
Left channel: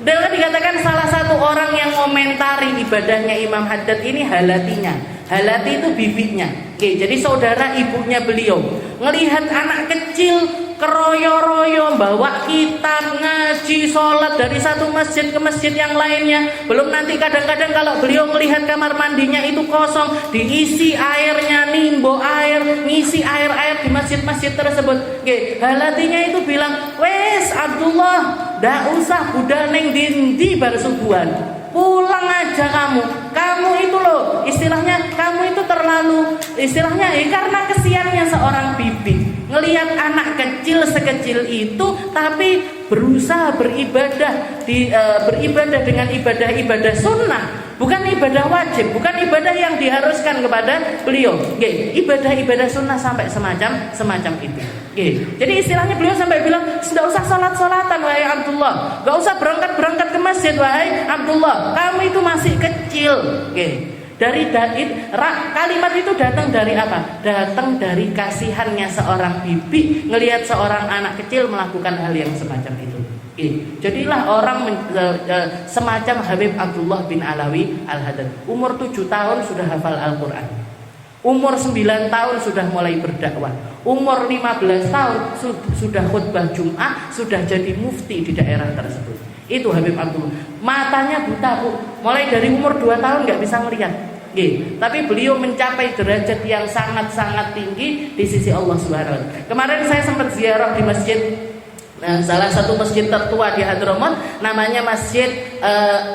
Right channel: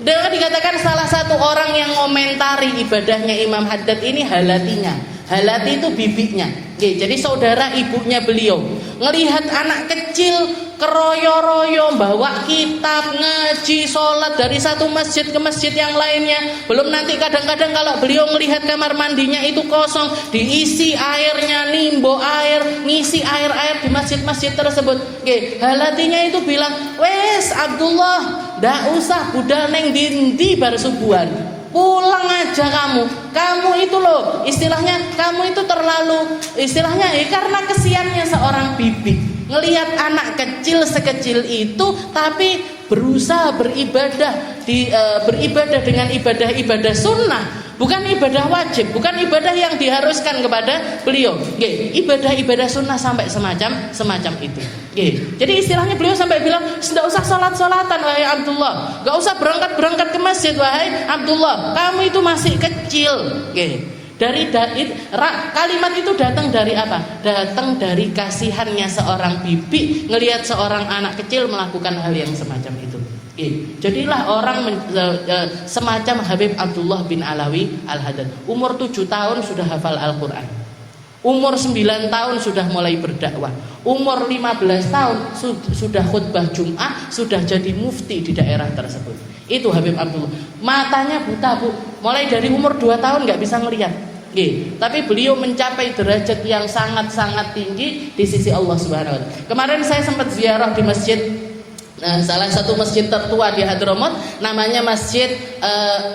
Dan dikatakan salah satu orang yang komentari ibadahnya Imam Haddad ini halatinya. Halati itu bibinya. Jadi saudara ibunya beliau. Ngelihat anak kecil keroyo-royo bawa kitab, ngaji, sholat dari satu masjid ke masjid yang lainnya. Belum nanti kadang-kadang kalau beliau melihat kamar mandinya itu kosong, diisi airnya, nimbo air, ngisi air-air di masjid-masjid tersebut. Halatinya itu bilang, wes Abdullah, ndak usah budal neng dindi bar subuhan. Pulang aja kamu itu loh, istilahnya kamu itu terlalu, istilahnya karena kesiannya seorang bibi ngelihat anak kecil sekecil itu tapi berusaha beribadah beribadah dengan ibadah sunnah, bukan ibadah wajib, bukan ibadah yang diharuskan kepada beliau. Ibadah sunnah sampai semacam itu. Jadi istilahnya beliau sampai bilang, tidak usah sholat-sholatan wahai Abdullah, gak usah berangkat ke masjid wahai Abdullah, kamu itu masih kecil. Kalimat itu datang dari apa? Datang dari kasihannya seorang bibi ngelihat seorang anak kecil melakukan hal yang semacam itu. Jadilah orang semacam Habib Abdullah bin Alawi Al-Haddad. Umur 7 tahun sudah hafal Al-Quran. Umur 9 tahun sudah mulai berdakwah. Umur 15 tahun sudah khutbah Jum'ah, sudah jadi mufti di daerah tersebut. Itu Habib Abdullah. Matanya buta, Bu. Mulai dari umur 2 tahun nggak bisa ngelihat. Tapi beliau mencapai derajat yang sangat-sangat tinggi di sisi Allah Subhanahu wa taala. Kemarin saya sempat ziarah di masjid, salah satu masjid tertua di Hadramaut, namanya Masjid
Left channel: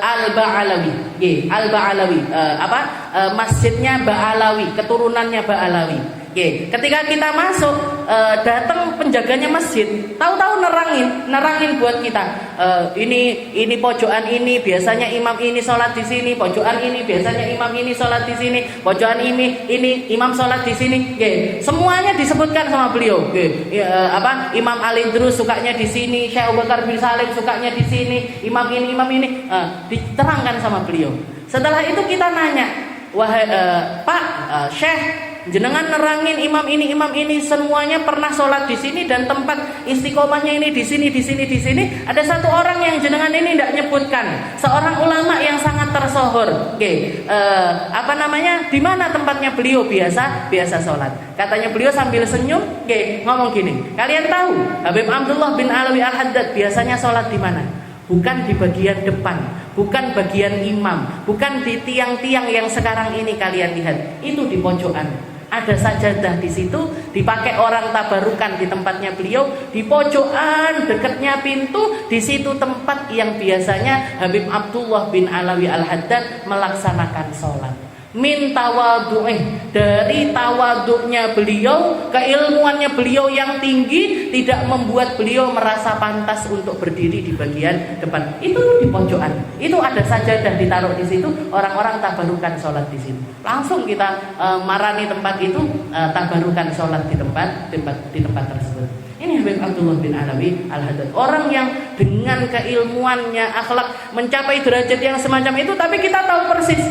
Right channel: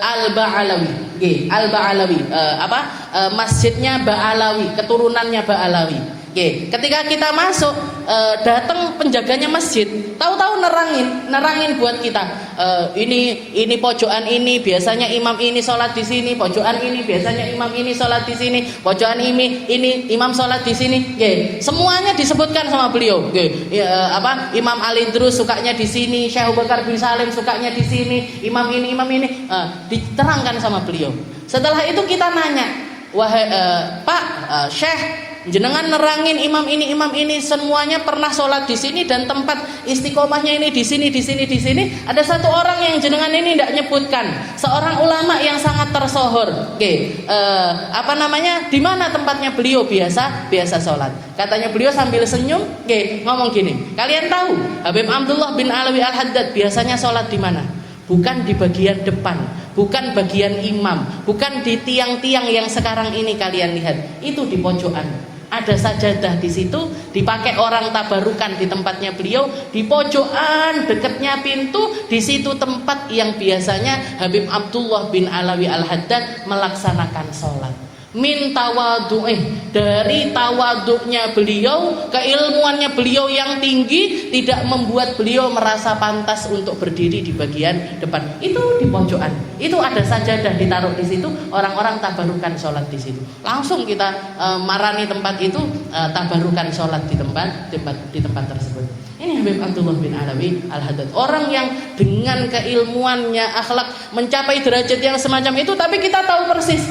Al-Ba'alawi. Al-Ba'alawi, masjidnya Ba'alawi, keturunannya Ba'alawi. Ketika kita masuk, datang penjaganya masjid, tahu-tahu nerangin buat kita. Ini pojokan ini biasanya imam ini sholat di sini, pojokan ini biasanya imam ini sholat di sini, pojokan ini imam sholat di sini. Semuanya disebutkan sama beliau. Imam Ali Idrus sukanya di sini, Syekh Abu Bakar bin Salim sukanya di sini, imam ini, diterangkan sama beliau. Setelah itu kita nanya, wahai Pak Syekh, jenengan nerangin imam ini semuanya pernah sholat di sini dan tempat istiqomahnya ini di sini. Ada satu orang yang jenengan ini tidak nyebutkan, seorang ulama yang sangat tersohor. Di mana tempatnya beliau biasa sholat? Katanya beliau sambil senyum, ngomong gini. Kalian tahu Habib Abdullah bin Alawi Al-Haddad biasanya sholat di mana? Bukan di bagian depan, bukan bagian imam, bukan di tiang-tiang yang sekarang ini kalian lihat. Itu di pojokan. Ada sajadah di situ, dipakai orang tabarukan di tempatnya beliau, di pojokan dekatnya pintu, di situ tempat yang biasanya Habib Abdullah bin Alawi Al-Haddad melaksanakan sholat. min tawadhu'ih, dari tawaduknya beliau, keilmuannya beliau yang tinggi tidak membuat beliau merasa pantas untuk berdiri di bagian depan. Itu di pojokan. Itu ada sajadah ditaruh di situ, orang-orang tabarukan sholat di situ. Langsung kita marani tempat itu, tabarukan sholat di tempat tersebut. Ini Habib Abdullah bin Alawi Al-Haddad, orang yang dengan keilmuannya, akhlak mencapai derajat yang semacam itu. Tapi kita tahu persis,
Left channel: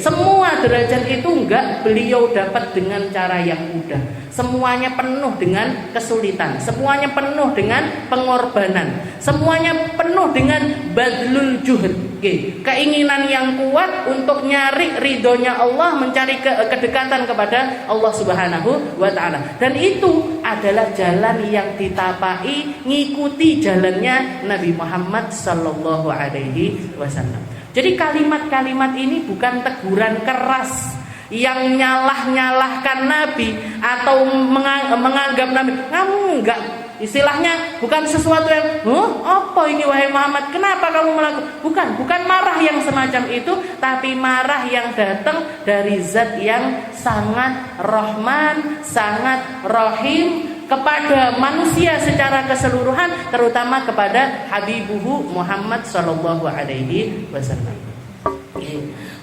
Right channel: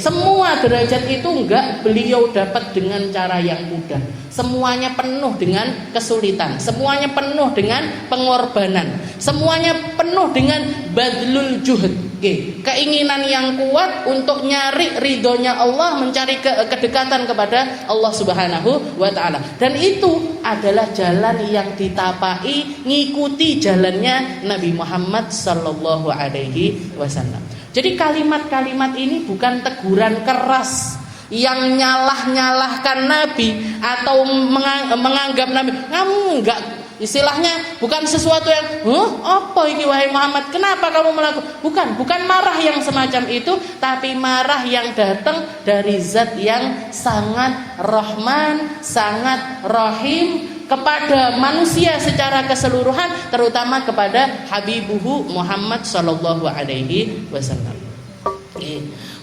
semua derajat itu enggak beliau dapat dengan cara yang mudah. Semuanya penuh dengan kesulitan, semuanya penuh dengan pengorbanan, semuanya penuh dengan badlul juhud. Keinginan yang kuat untuk nyari ridhonya Allah, mencari kedekatan kepada Allah Subhanahu wa ta'ala. Dan itu adalah jalan yang ditapai, ngikuti jalannya Nabi Muhammad sallallahu alaihi wasallam. Jadi kalimat-kalimat ini bukan teguran keras yang nyalah-nyalahkan Nabi atau menganggap Nabi kamu enggak, istilahnya bukan sesuatu yang apa ini wahai Muhammad, kenapa kamu melakukan? Bukan marah yang semacam itu, tapi marah yang datang dari zat yang sangat Rahman, sangat Rahim kepada manusia secara keseluruhan, terutama kepada Habibuhu Muhammad sallallahu alaihi wasallam.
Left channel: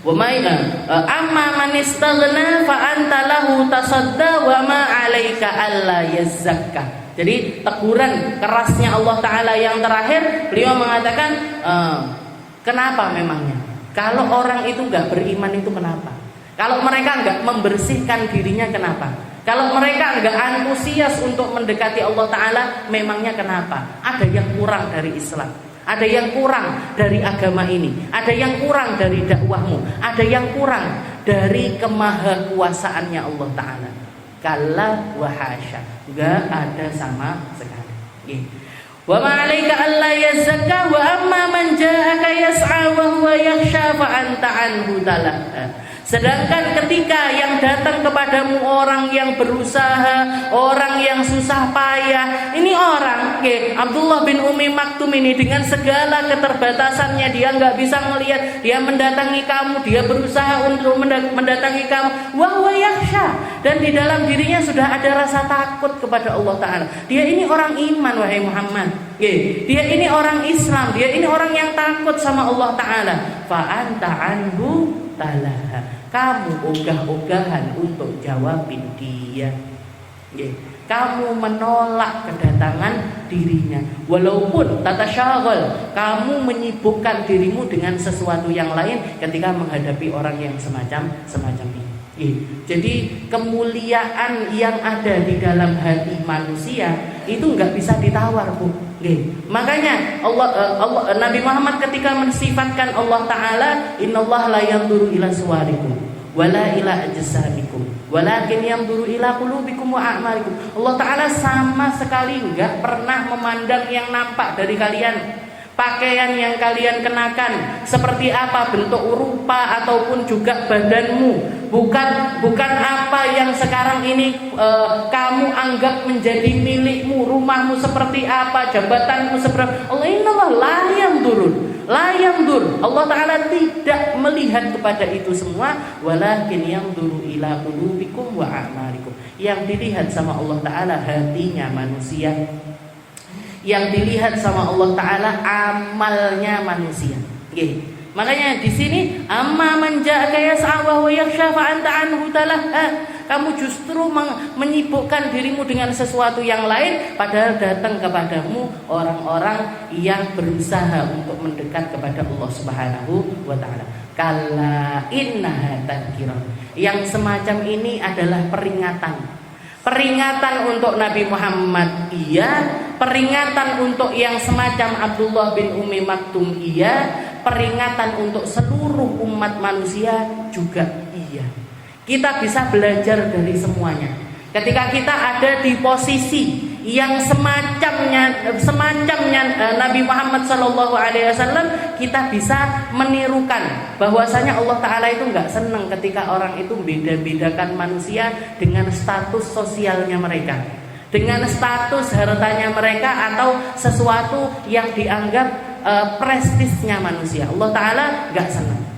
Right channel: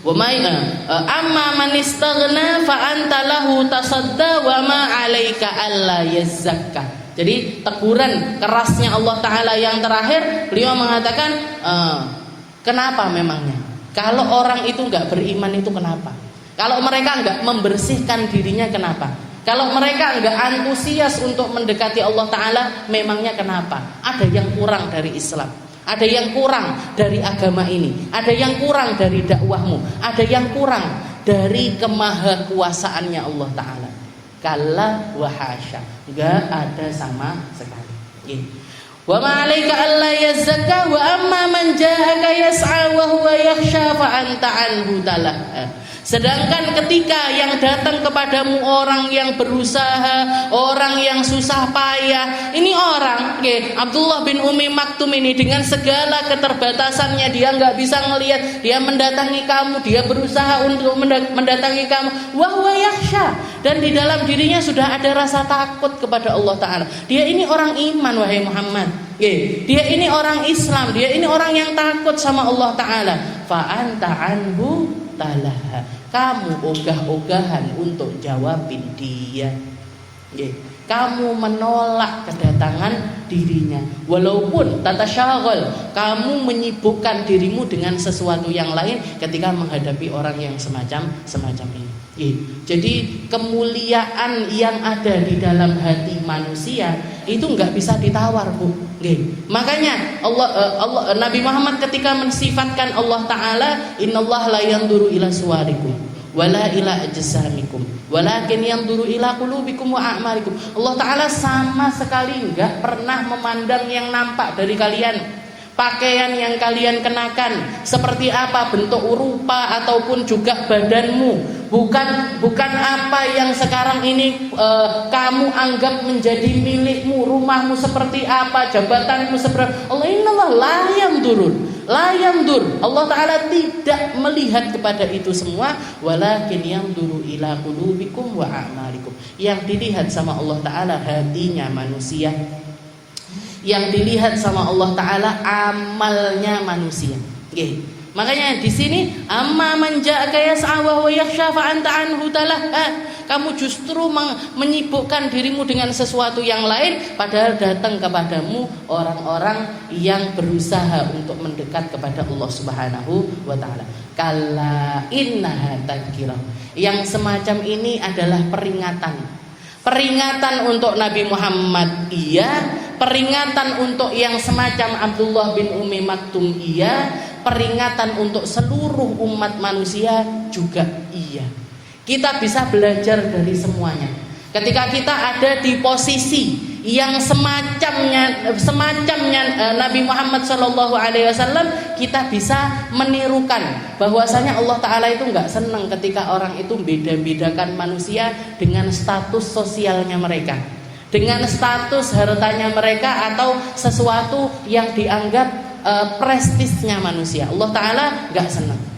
Wa ma'ina amma man istaghna fa anta lahu tasadda wa ma 'alaika alla yazzakka. Jadi teguran kerasnya Allah Ta'ala yang terakhir, beliau mengatakan kenapa memangnya? Kalau orang itu enggak beriman itu kenapa? Kalau mereka enggak membersihkan dirinya kenapa? Kalau mereka enggak antusias untuk mendekati Allah Ta'ala, memangnya kenapa? Ada yang kurang dari Islam, ada yang kurang dari agama ini, ada yang kurang dari dakwahmu, ada yang kurang dari kemahakuasaannya Allah Ta'ala. Kalla wa hasya, enggak ada sama sekali. Wa ma 'alaika alla yazzakka wa amma man ja'aka yas'a wa huwa yakhsha fa anta anhu talaha. Sedangkan ketika yang datang kepadamu orang yang berusaha, orang yang susah payah, ini orang, Abdullah bin Umi Maktum ini dengan segala keterbatasannya, dia nggak bisa ngelihat, dia mendatangi kamu, dia berusaha untuk mendatangi kamu, wa huwa yakhsha, dan di dalam dirinya sudah ada rasa takut kepada Allah Ta'ala. Dia ini orang iman wahai Muhammad, dia ini orang Islam, dia ini orang yang takut sama Allah Ta'ala. Fa anta anhu talaha, kamu ogah-ogahan untuk jawabin dia. Kamu menolak kedatangan dirinya, walaupun tatasyaghal, kamu menyibukkan dirimu dengan sesuatu yang lain ketika menghadapi orang yang semacam ini. Jadi kemuliaan yang ada di dalam hati manusia itu nggak bisa ditawar, Bu. Makanya Nabi Muhammad ketika mensifatkan Allah Ta'ala, innallaha la yanzuru ila suwarikum wala ila ajsamikum walakin yanzuru ila qulubikum wa a'malikum. Allah Ta'ala sama sekali nggak pernah memandang yang nampak dari kalian, pakaian yang kalian kenakan, seperti apa bentuk rupa ataupun juga badanmu, bukan apa yang sekarang ini kamu anggap menjadi milikmu, rumahmu seperti apa, jabatanmu seperti Allah. Innallaha la yandur, Allah Ta'ala tidak melihat kepada itu semua, walakin yanzuru ila qulubikum wa a'malikum. Yang dilihat sama Allah Ta'ala hatinya manusia, yang dilihat sama Allah Ta'ala amalnya manusia. Makanya di sini amma man ja'aka yas'a wa huwa yakhsha fa anta anhu talaha. Kamu justru menyibukkan dirimu dengan sesuatu yang lain, padahal datang kepadamu orang-orang yang berusaha untuk mendekat kepada Allah Subhanahu wa Ta'ala. Kalla innaha tadhkirah. Yang semacam ini adalah peringatan untuk Nabi Muhammad, iya. Peringatan untuk yang semacam Abdullah bin Umi Maktum, iya. Peringatan untuk seluruh umat manusia juga iya. Kita bisa belajar dari semuanya. Ketika kita ada di posisi yang semacamnya Nabi Muhammad SAW, kita bisa menirukan bahwasanya Allah Ta'ala itu nggak senang ketika orang itu beda-bedakan manusia dengan status sosialnya mereka, dengan status hartanya mereka, atau sesuatu yang dianggap prestisnya manusia. Allah Ta'ala nggak senang.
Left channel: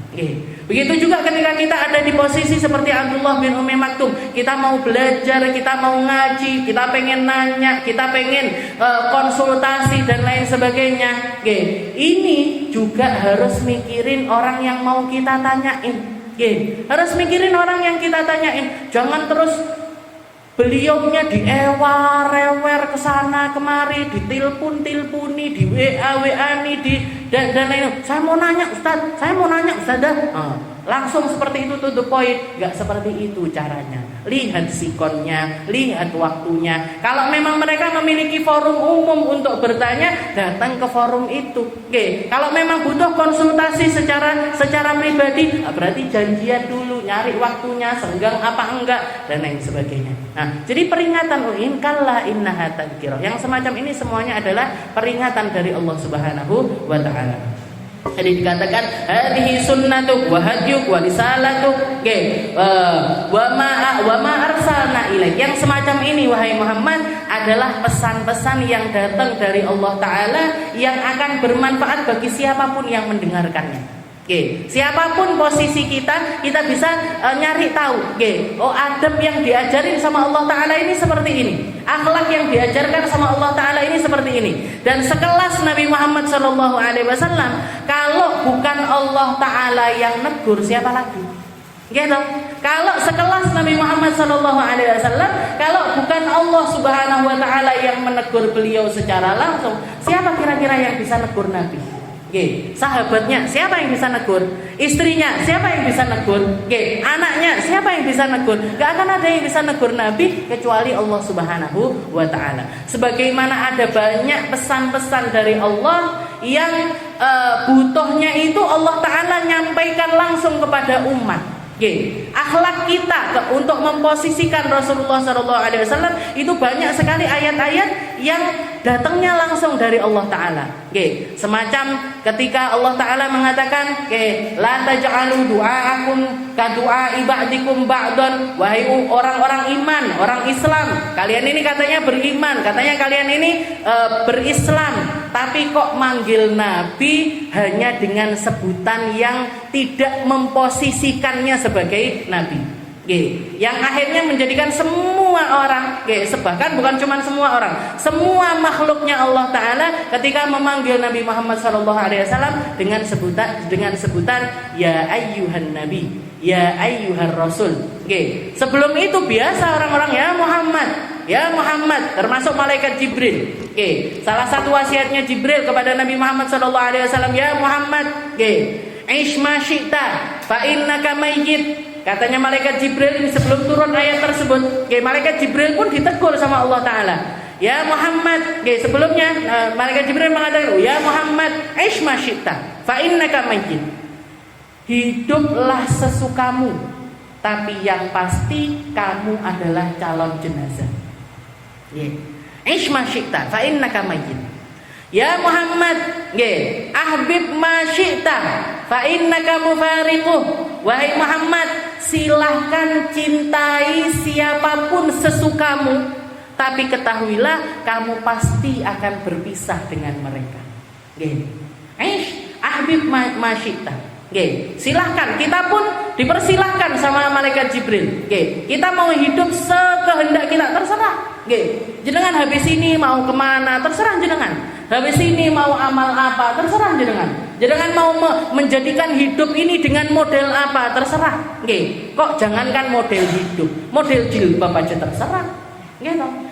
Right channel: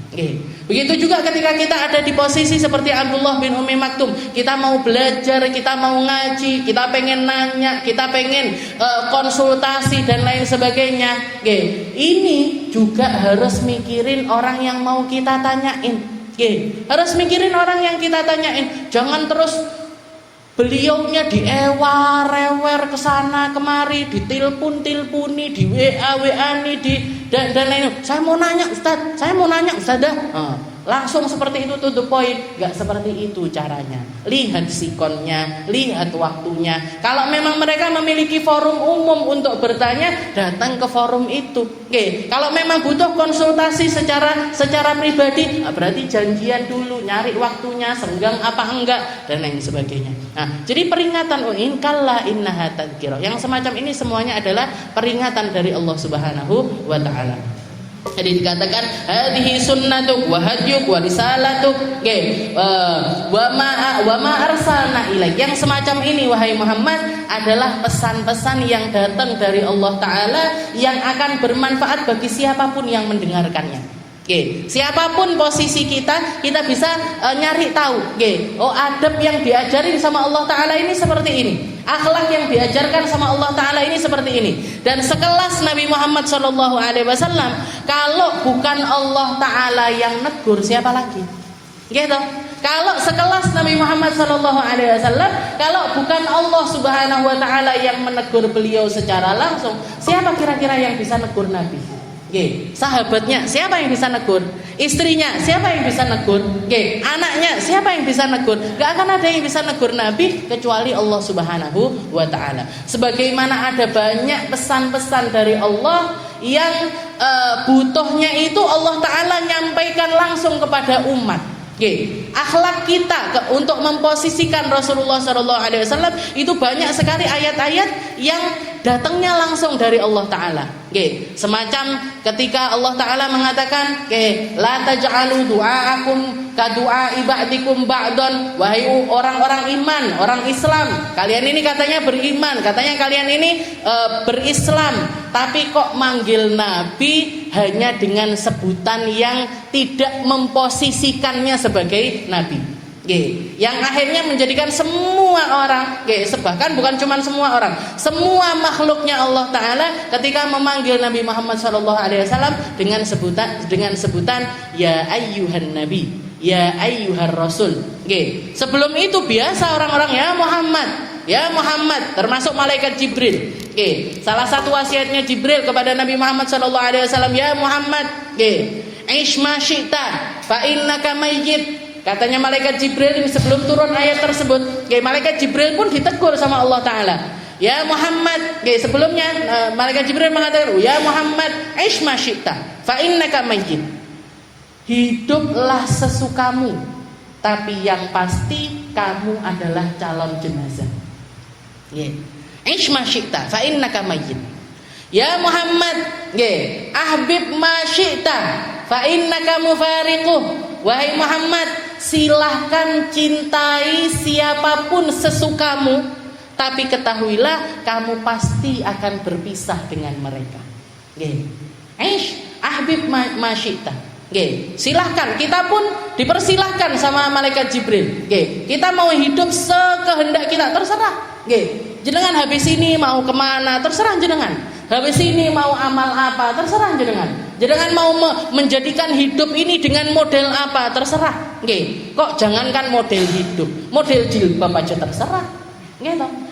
Begitu juga ketika kita ada di posisi seperti Abdullah bin Ummi Maktum, kita mau belajar, kita mau ngaji, kita pengen nanya, kita pengen konsultasi dan lain sebagainya. Ini juga harus mikirin orang yang mau kita tanyain. Harus mikirin orang yang kita tanyain. Jangan terus beliaunya diewer-ewer ke sana kemari, ditelepon-teleponi, di WA-WA-ni, dan lain. Saya mau nanya Ustaz dah. Langsung seperti itu, to the point. Gak seperti itu caranya. Lihat sikonnya, lihat waktunya. Kalau memang mereka memiliki forum umum untuk bertanya, datang ke forum itu. Kalau memang butuh konsultasi secara pribadi, berarti janjian dulu, nyari waktunya, senggang apa enggak, dan lain sebagainya. Nah, jadi peringatan in kalla innaha tadhkirah. Yang semacam ini semuanya adalah peringatan dari Allah Subhanahu wa taala. Jadi dikatakan hadhihi sunnatuk wa hadyuk wa risalatuk wa ma arsalna ilaik. Yang semacam ini wahai Muhammad adalah pesan-pesan yang datang dari Allah taala yang akan bermanfaat bagi siapapun yang mendengarkannya. Siapapun posisi kita bisa nyari tahu. Oh, adab yang diajarin sama Allah taala ini seperti ini. Akhlak yang diajarkan sama Allah taala ini seperti ini. Dan sekelas Nabi Muhammad SAW, kalau bukan Allah taala yang negur, siapa lagi? Gitu. Kalau sekelas Nabi Muhammad SAW, kalau bukan Allah Subhanahu wa taala yang menegur beliau secara langsung, siapa kira-kira yang bisa negur Nabi? Sahabatnya siapa yang bisa negur? Istrinya siapa yang bisa negur? Anaknya siapa yang bisa negur? Gak akan ada yang bisa negur Nabi kecuali Allah Subhanahu wa taala. Sebagaimana ada banyak pesan-pesan dari Allah yang butuhnya itu Allah taala nyampaikan langsung kepada umat. Akhlak kita untuk memposisikan Rasulullah SAW itu banyak sekali ayat-ayat yang datangnya langsung dari Allah Taala. Semacam ketika Allah Taala mengatakan, la taj'alu du'aakum ka du'a'i ba'dikum ba'dan. Wahai orang-orang iman, orang Islam, kalian ini katanya beriman, katanya kalian ini berislam, tapi kok manggil Nabi hanya dengan sebutan yang tidak memposisikannya sebagai Nabi. Yang akhirnya menjadikan semua orang, bahkan bukan cuma semua orang, semua makhluknya Allah Taala ketika memanggil Nabi Muhammad SAW dengan sebutan ya ayyuhan nabi, ya ayyuhar rasul. Sebelum itu biasa orang-orang ya Muhammad, termasuk malaikat Jibril. Salah satu wasiatnya Jibril kepada Nabi Muhammad SAW, ya Muhammad, ish ma syi'ta fa innaka mayyit. Katanya malaikat Jibril sebelum turun ayat tersebut, malaikat Jibril pun ditegur sama Allah Taala. Ya Muhammad, sebelumnya malaikat Jibril mengatakan, ya Muhammad, ish ma syi'ta fa innaka mayyit. Hiduplah sesukamu, tapi yang pasti kamu adalah calon jenazah. Ish ma syi'ta fa innaka mayyit. Ya Muhammad, ahbib ma syi'ta fa innaka mufariquh. Wahai Muhammad, silahkan cintai siapapun sesukamu, tapi ketahuilah kamu pasti akan berpisah dengan mereka. Ahbib ma syi'ta. Silahkan, kita pun dipersilahkan sama malaikat Jibril. Kita mau hidup sekehendak kita, terserah. Jenengan habis ini mau kemana, terserah jenengan. Habis ini mau amal apa, terserah jenengan. Jenengan mau menjadikan hidup ini dengan model apa, terserah. Kok jangankan model hidup, model jilbab aja terserah.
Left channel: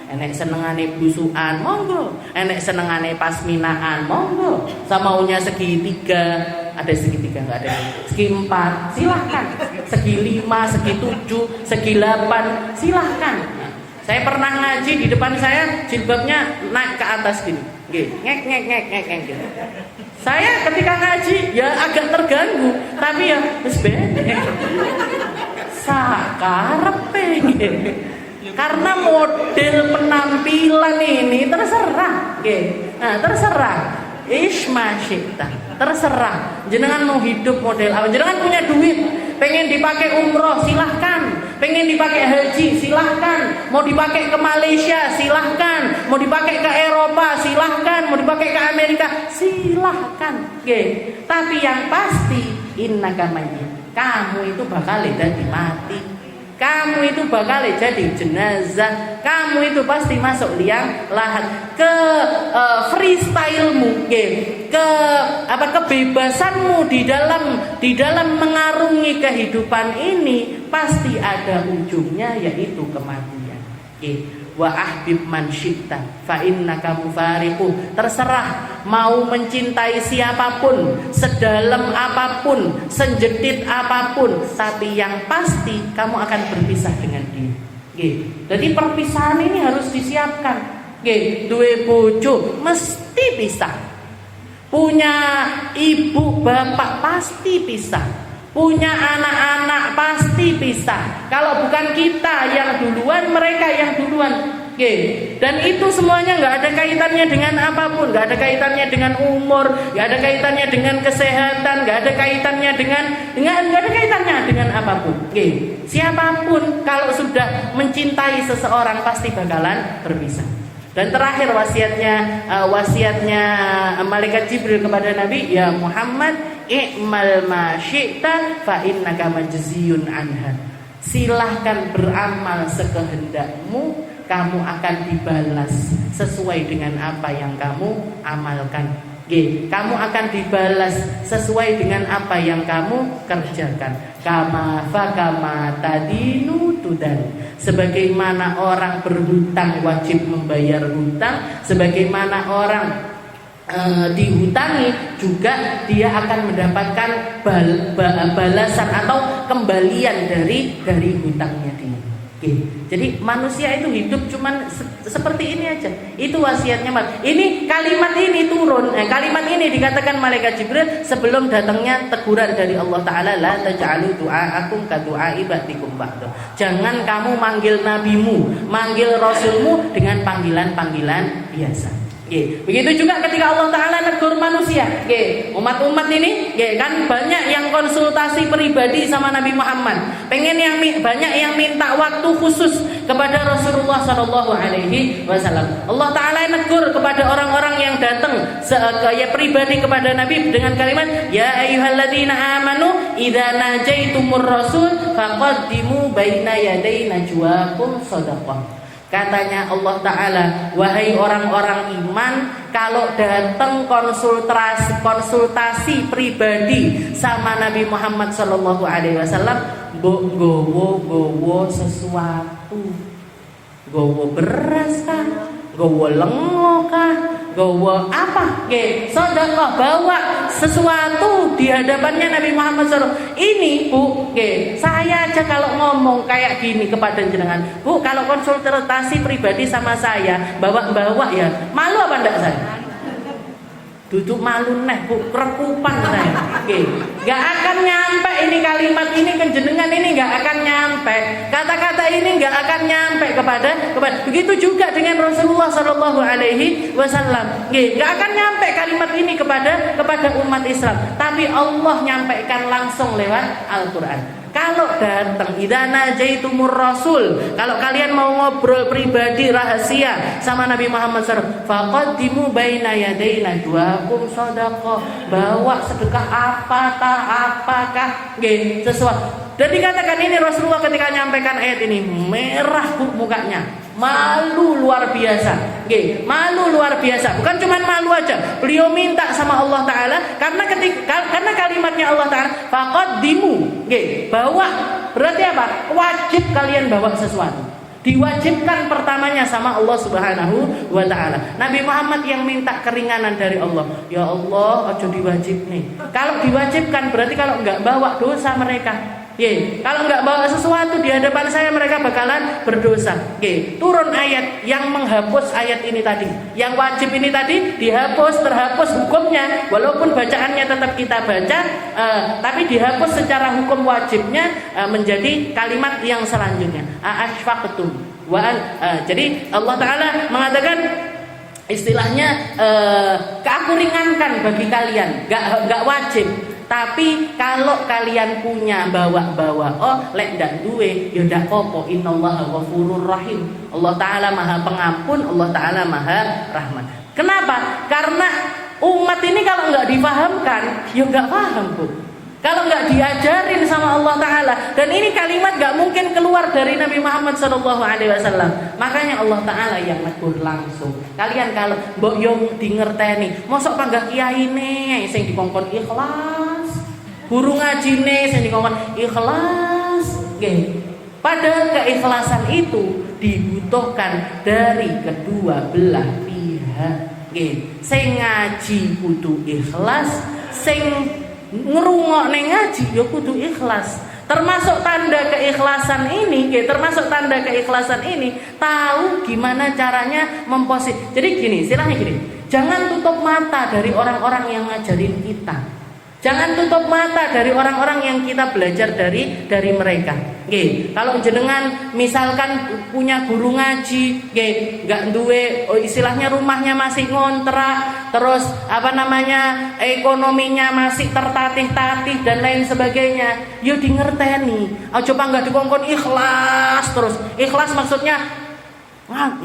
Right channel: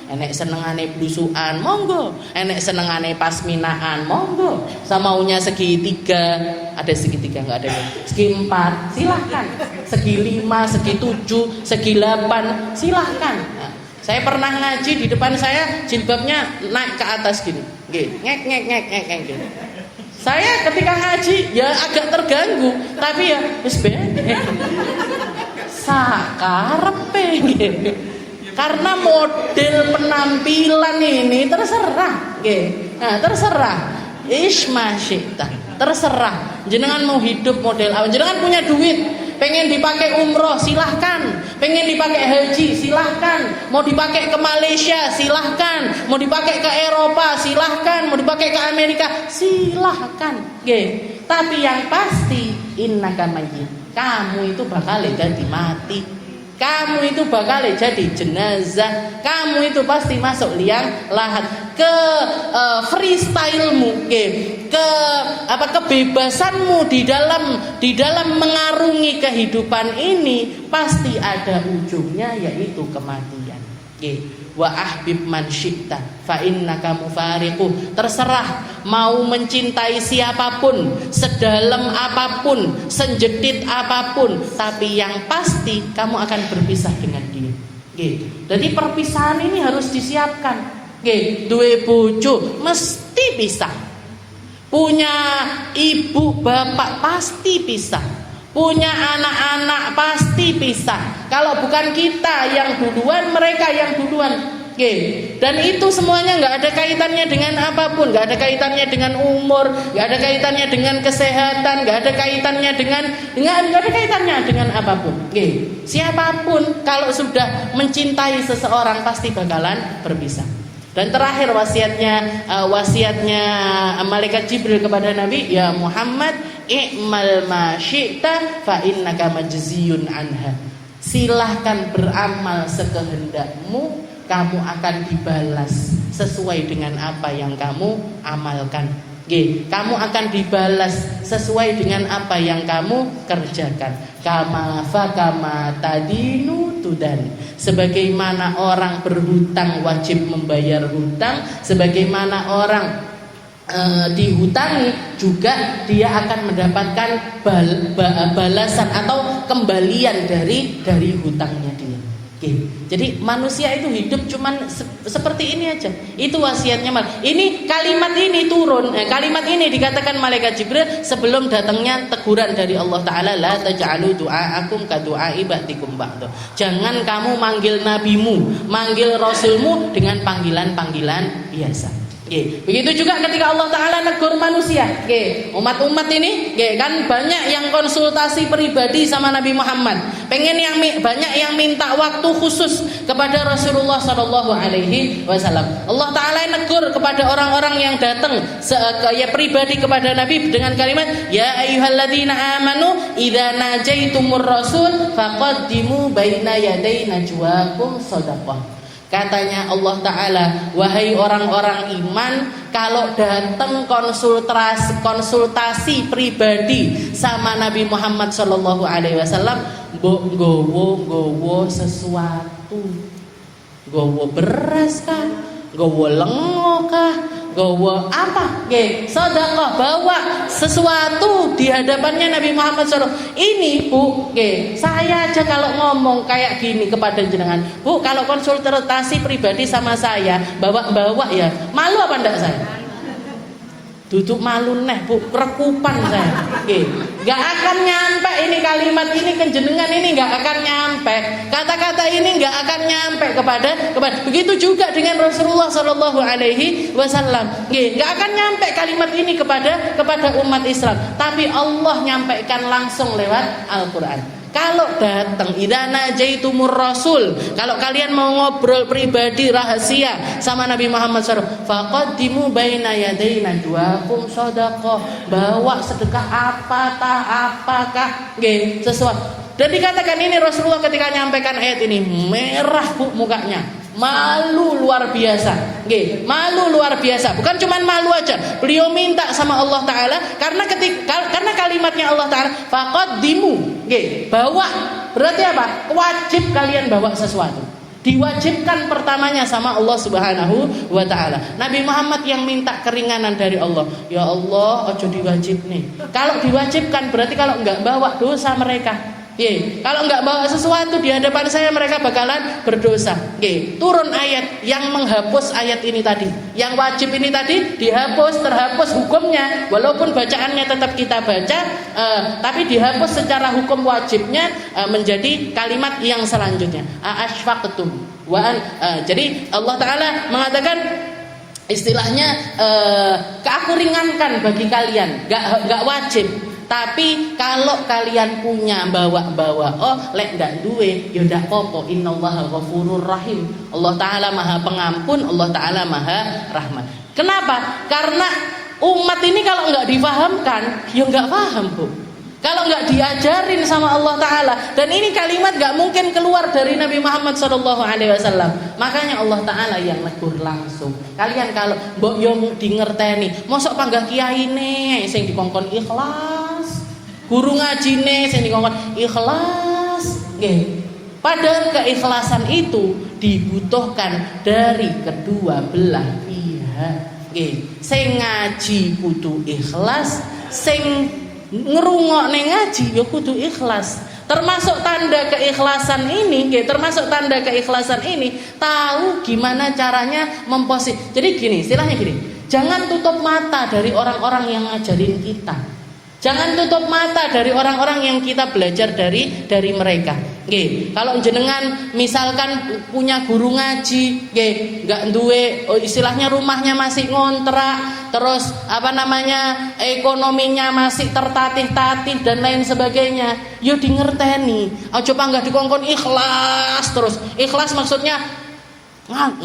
Enek senengane blusukan, monggo. Enek senengane pasminaan, monggo. Samaunya segitiga, ada segitiga enggak ada. Segi 4, silahkan. Segi 5, segi 7, segi 8, silahkan. Saya pernah ngaji di depan saya jilbabnya naik ke atas gini. Ngek gitu. Saya ketika ngaji ya agak terganggu, tapi ya wis bener. Sakarepe gitu. Karena model penampilan ini terserah. Nah, terserah. Isma syi'ta. Terserah. Jenengan mau hidup model apa? Jenengan punya duit, pengen dipakai umroh, silahkan. Pengen dipakai haji, silahkan. Mau dipakai ke Malaysia, silahkan. Mau dipakai ke Eropa, silahkan. Mau dipakai ke Amerika, silahkan. Tapi yang pasti innaka mayyit. Kamu itu bakal jadi mati. Kamu itu bakal jadi jenazah. Kamu itu pasti masuk liang lahat. Ke freestylemu, ke kebebasanmu di dalam mengarungi kehidupan ini pasti ada ujungnya, yaitu kematian. Wa ahbib man syi'ta fa innaka mufariquh. Terserah mau mencintai siapapun, sedalam apapun, sejedit apapun, tapi yang pasti kamu akan berpisah dengan dia. Jadi perpisahan ini harus disiapkan. Duwe bojo mesti pisah. Punya ibu bapak pasti pisah. Punya anak-anak pasti pisah. Kalau bukan kita yang duluan, mereka yang duluan. Dan itu semuanya nggak ada kaitannya dengan apapun, nggak ada kaitannya dengan umur, nggak ada kaitannya dengan kesehatan, nggak ada kaitannya nggak ada kaitannya dengan apapun. Siapapun kalau sudah mencintai seseorang pasti bakalan berpisah. Dan terakhir wasiatnya malaikat Jibril kepada Nabi, ya Muhammad, i'mal ma syi'ta fa innaka majziyun anha. Silahkan beramal sekehendakmu, kamu akan dibalas sesuai dengan apa yang kamu amalkan. Kamu akan dibalas sesuai dengan apa yang kamu kerjakan. Kama tadinu tudan. Sebagaimana orang berhutang wajib membayar hutang, sebagaimana orang dihutangi juga dia akan mendapatkan balasan atau kembalian dari hutangnya dia. Jadi manusia itu hidup cuman seperti ini aja. Itu wasiatnya. Ini kalimat ini turun. Kalimat ini dikatakan malaikat Jibril sebelum datangnya teguran dari Allah Taala, la taj'alu du'aakum ka du'ai ba'dikum ba'd. Jangan kamu manggil nabimu, manggil rasulmu dengan panggilan-panggilan biasa. Begitu juga ketika Allah Ta'ala negur manusia. Umat-umat ini kan banyak yang konsultasi pribadi sama Nabi Muhammad. Banyak yang minta waktu khusus kepada Rasulullah SAW. Allah Ta'ala negur kepada orang-orang yang datang pribadi kepada Nabi dengan kalimat, ya ayyuhalladzina amanu idza najaitumur rasul faqaddimu baina yaday najwakum shadaqah. Katanya Allah Ta'ala, wahai orang-orang iman, kalau datang konsultasi pribadi sama Nabi Muhammad SAW, gowo sesuatu, gowo beras kah, gowo lengo kah, gowo apa? Sedekah, bawa sesuatu di hadapannya Nabi Muhammad SAW. Ini Bu, saya aja kalau ngomong kayak gini kepada jenengan, Bu, kalau konsultasi pribadi sama saya, bawa ya, malu apa enggak saya? Duduk malu neh Bu, kerekupan saya. Gak akan nyampe ini kalimat ini ke jenengan, ini gak akan nyampe. Kata-kata ini gak akan nyampe kepada begitu juga dengan Rasulullah SAW. Gak akan nyampe kalimat ini kepada umat Islam. Tapi Allah nyampaikan langsung lewat Al-Quran. Kalau datang idza najaitumur rasul, kalau kalian mau ngobrol pribadi rahasia sama Nabi Muhammad SAW, faqaddimu baina yaday najwakum shadaqah. Bawa sedekah apakah sesuatu. Dan dikatakan ini Rasulullah ketika menyampaikan ayat ini merah Bu mukanya, malu luar biasa. Malu luar biasa. Bukan cuma malu aja, beliau minta sama Allah Ta'ala karena kalimatnya Allah Ta'ala faqaddimu, bawa, berarti apa? Wajib kalian bawa sesuatu. Diwajibkan pertamanya sama Allah Subhanahu wa Ta'ala. Nabi Muhammad yang minta keringanan dari Allah. Ya Allah, ojo diwajib nih. Kalau diwajibkan berarti kalau enggak bawa dosa mereka. Kalau enggak bawa sesuatu di hadapan saya, mereka bakalan berdosa. Turun ayat yang menghapus ayat ini tadi. Yang wajib ini tadi terhapus hukumnya. Walaupun bacaannya tetap kita baca, tapi dihapus secara hukum wajibnya menjadi kalimat yang selanjutnya. Ashfaqtum. Jadi Allah Ta'ala mengatakan istilahnya aku ringankan bagi kalian, enggak wajib. Tapi kalau kalian punya bawa-bawa, lek ndak duwe ya ndak apa-apa. Innallaha ghafurur rahim. Allah Ta'ala Maha Pengampun, Allah Ta'ala Maha Rahmat. Kenapa? Karena umat ini kalau nggak difahamkan, ya nggak paham Bu. Kalau nggak diajarin sama Allah Ta'ala, dan ini kalimat nggak mungkin keluar dari Nabi Muhammad SAW. Makanya Allah Ta'ala yang negur langsung. Kalian kalau mbok yong dingerteni, mosok panggah kiai nih, sing dikongkon ikhlas, guru ngaji nih, sing dikongkon ikhlas. Nggih. Padahal keikhlasan itu dibutuhkan dari kedua belah pihak. Nggih. Sing ngaji kudu ikhlas, sing ngerungokne ngaji ya kudu ikhlas. Termasuk tanda keikhlasan ini, termasuk tanda keikhlasan ini tahu gimana caranya Jadi gini, istilahnya gini. Jangan tutup mata dari orang-orang yang ngajarin kita. Jangan tutup mata dari orang-orang yang kita belajar dari mereka. Nggih, kalau jenengan misalkan punya guru ngaji, nggih, enggak duwe istilahnya rumahnya masih ngontrak, terus ekonominya masih tertatih-tatih dan lain sebagainya. Yo dingerteni. Aja panggah dikongkon ikhlas terus. Ikhlas maksudnya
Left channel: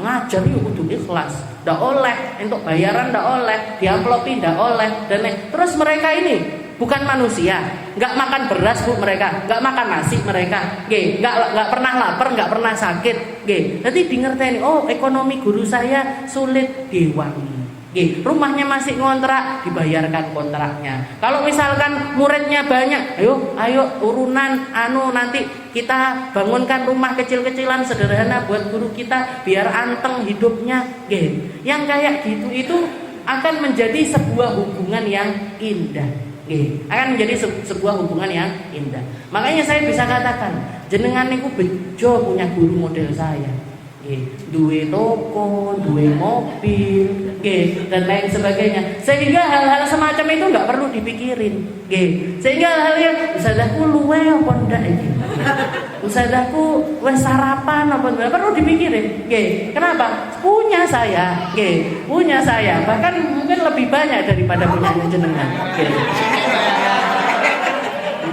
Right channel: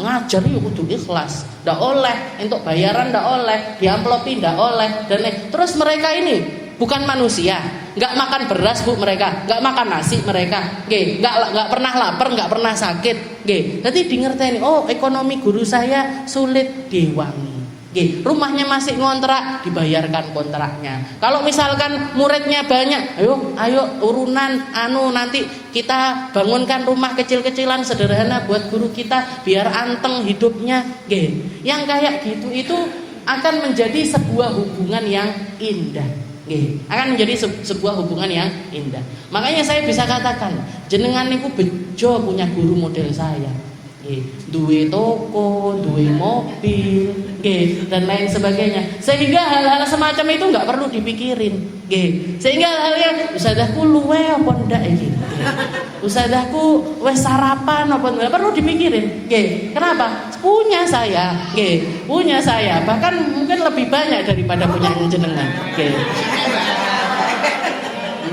ngajar yo kudu ikhlas. Ndak oleh entuk bayaran, ndak oleh, diamplopi ndak oleh dan lain. Terus mereka ini bukan manusia, nggak makan beras Bu mereka, nggak makan nasi mereka, nggak pernah lapar, nggak pernah sakit, nanti dingerteni, oh ekonomi guru saya sulit diwangi, rumahnya masih ngontrak, dibayarkan kontraknya. Kalau misalkan muridnya banyak, ayo urunan, nanti kita bangunkan rumah kecil-kecilan sederhana buat guru kita, biar anteng hidupnya, yang kayak gitu itu akan menjadi sebuah hubungan yang indah. Akan menjadi sebuah hubungan yang indah. Makanya saya bisa katakan jenengan niku bejo punya guru model saya. Duwe toko, duwe mobil, dan lain sebagainya. Sehingga hal-hal semacam itu nggak perlu dipikirin. Sehingga hal-hal ustazahku luwe apa ndak iki. Ustazahku wes sarapan apa ndak perlu dipikirin. Kenapa? Punya saya. Punya saya. Bahkan mungkin lebih banyak daripada punyanya jenengan.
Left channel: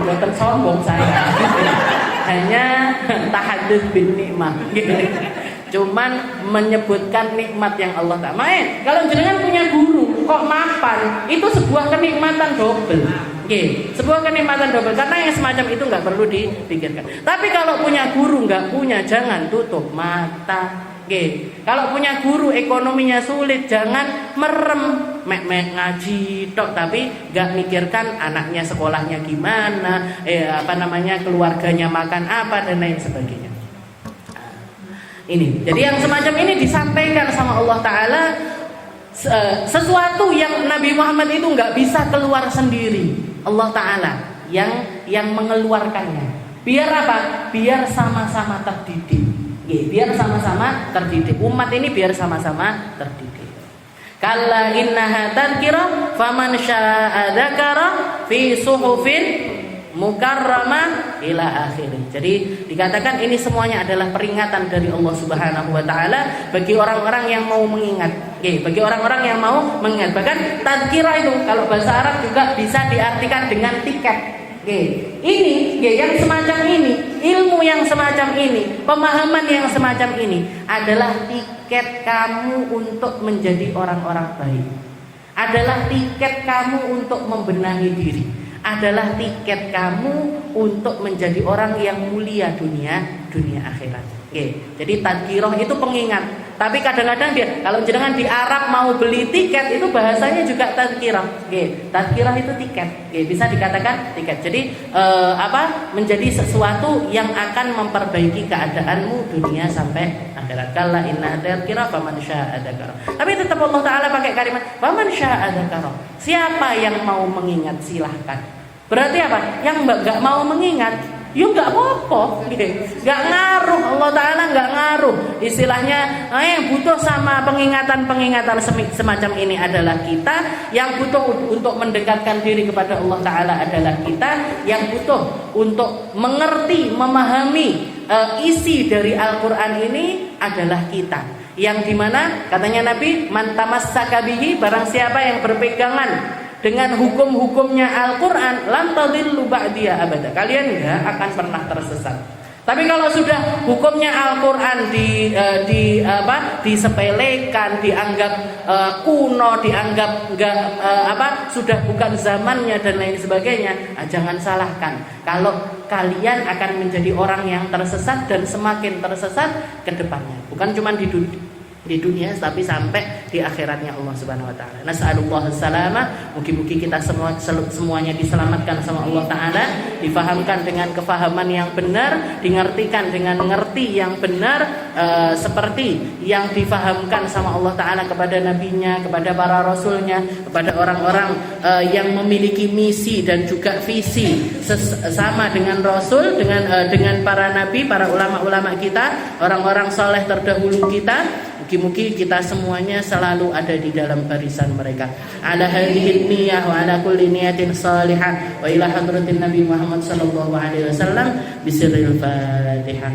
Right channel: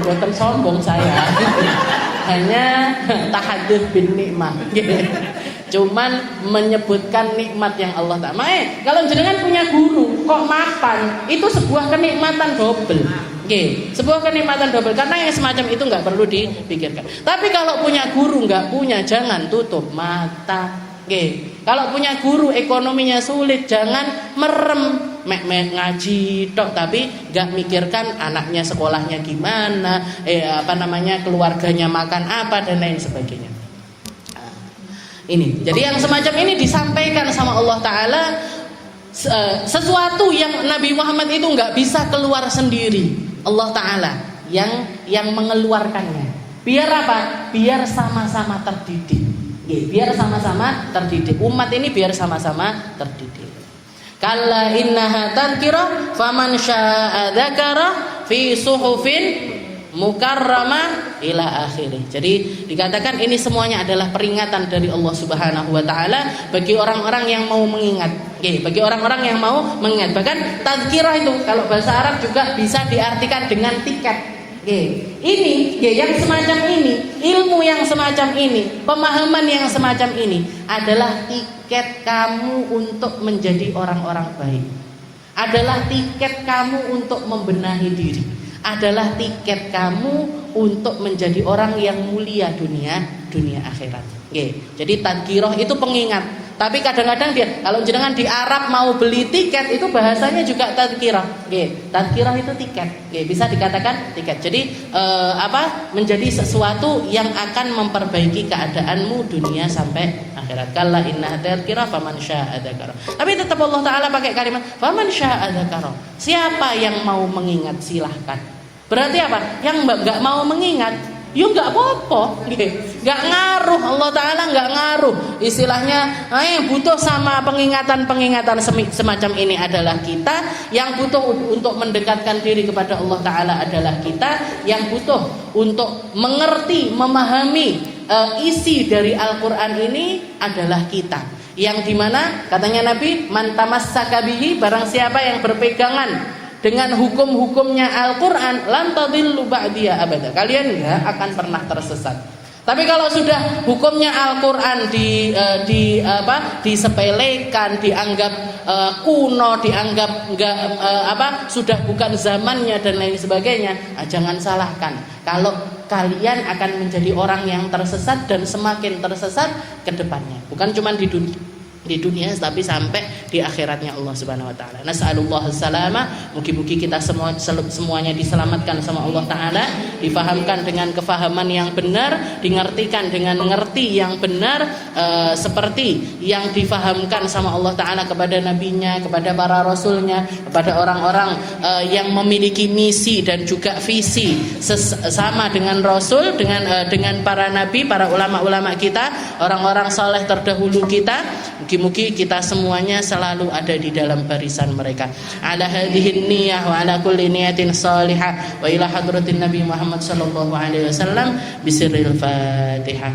Bukan sombong saya. Hanya tahadduts bin nikmah. Cuman menyebutkan nikmat yang Allah Ta'ala. Kalau jenengan punya guru kok mapan, itu sebuah kenikmatan double. Sebuah kenikmatan double karena yang semacam itu nggak perlu dipikirkan. Tapi kalau punya guru nggak punya, jangan tutup mata. Kalau punya guru ekonominya sulit, jangan merem, ngaji tok tapi nggak mikirkan anaknya sekolahnya gimana, keluarganya makan apa dan lain sebagainya. Ini, jadi yang semacam ini disampaikan sama Allah Ta'ala, sesuatu yang Nabi Muhammad itu nggak bisa keluar sendiri. Allah Ta'ala yang mengeluarkannya. Biar apa? Biar sama-sama terdidik. Biar sama-sama terdidik. Umat ini biar sama-sama terdidik. Kalla innaha tadhkirah faman syaa'a dzakara fi suhufin mukarramah ila akhirih. Jadi dikatakan ini semuanya adalah peringatan dari Allah Subhanahu wa taala bagi orang-orang yang mau mengingat. Bagi orang-orang yang mau mengingat. Bahkan tadzkirah itu kalau bahasa Arab juga bisa diartikan dengan tiket. Ini yang semacam ini, ilmu yang semacam ini, pemahaman yang semacam ini adalah tiket kamu untuk menjadi orang-orang baik. Adalah tiket kamu untuk membenahi diri. Adalah tiket kamu untuk menjadi orang yang mulia dunia akhirat. Jadi tadzkirah itu pengingat. Tapi kadang-kadang kalau jenengan di Arab mau beli tiket itu bahasanya juga tadzkirah. Tadzkirah itu tiket. Bisa dikatakan tiket. Jadi menjadi sesuatu yang akan memperbaiki keadaanmu dunia sampai akhirat. Kalla inna tadzkirah faman syaa'a dzakara. Tapi tetap Allah Taala pakai kalimat faman syaa'a dzakara. Siapa yang mau mengingat silahkan. Berarti apa? Yang enggak mau mengingat, ya enggak apa-apa, enggak ngaruh. Allah Ta'ala enggak ngaruh. Istilahnya yang butuh sama pengingatan-pengingatan semacam ini adalah kita. Yang butuh untuk mendekatkan diri kepada Allah Ta'ala adalah kita. Yang butuh untuk mengerti, memahami isi dari Al-Quran ini adalah kita. Yang dimana katanya Nabi, man tamassaka bihi, barang siapa yang berpegangan dengan hukum-hukumnya Al-Quran, lan tadillu ba'diya abada. Kalian enggak akan pernah tersesat. Tapi kalau sudah hukumnya Al-Qur'an disepelekan, dianggap kuno, dianggap sudah bukan zamannya dan lain sebagainya, jangan salahkan. Kalau kalian akan menjadi orang yang tersesat dan semakin tersesat ke depannya. Bukan cuma di dunia tapi sampai di akhiratnya Allah Subhanahu wa taala. Nas'alullah salama, mugi-mugi kita semuanya diselamatkan sama Allah taala, difahamkan dengan kefahaman yang benar, dimengertikan dengan ngerti yang benar, seperti yang difahamkan sama Allah taala kepada nabinya, kepada para rasulnya, kepada orang-orang yang memiliki misi dan juga visi sama dengan rasul, dengan para nabi, para ulama-ulama kita, orang-orang saleh terdahulu kita. Mugi-mugi kita semuanya selalu ada di dalam barisan mereka. Ala hadhihi niyyah wa ala kulli niyatin salihah wa ila hadratin Nabi Muhammad sallallahu alaihi wasallam bisirril Fatihah.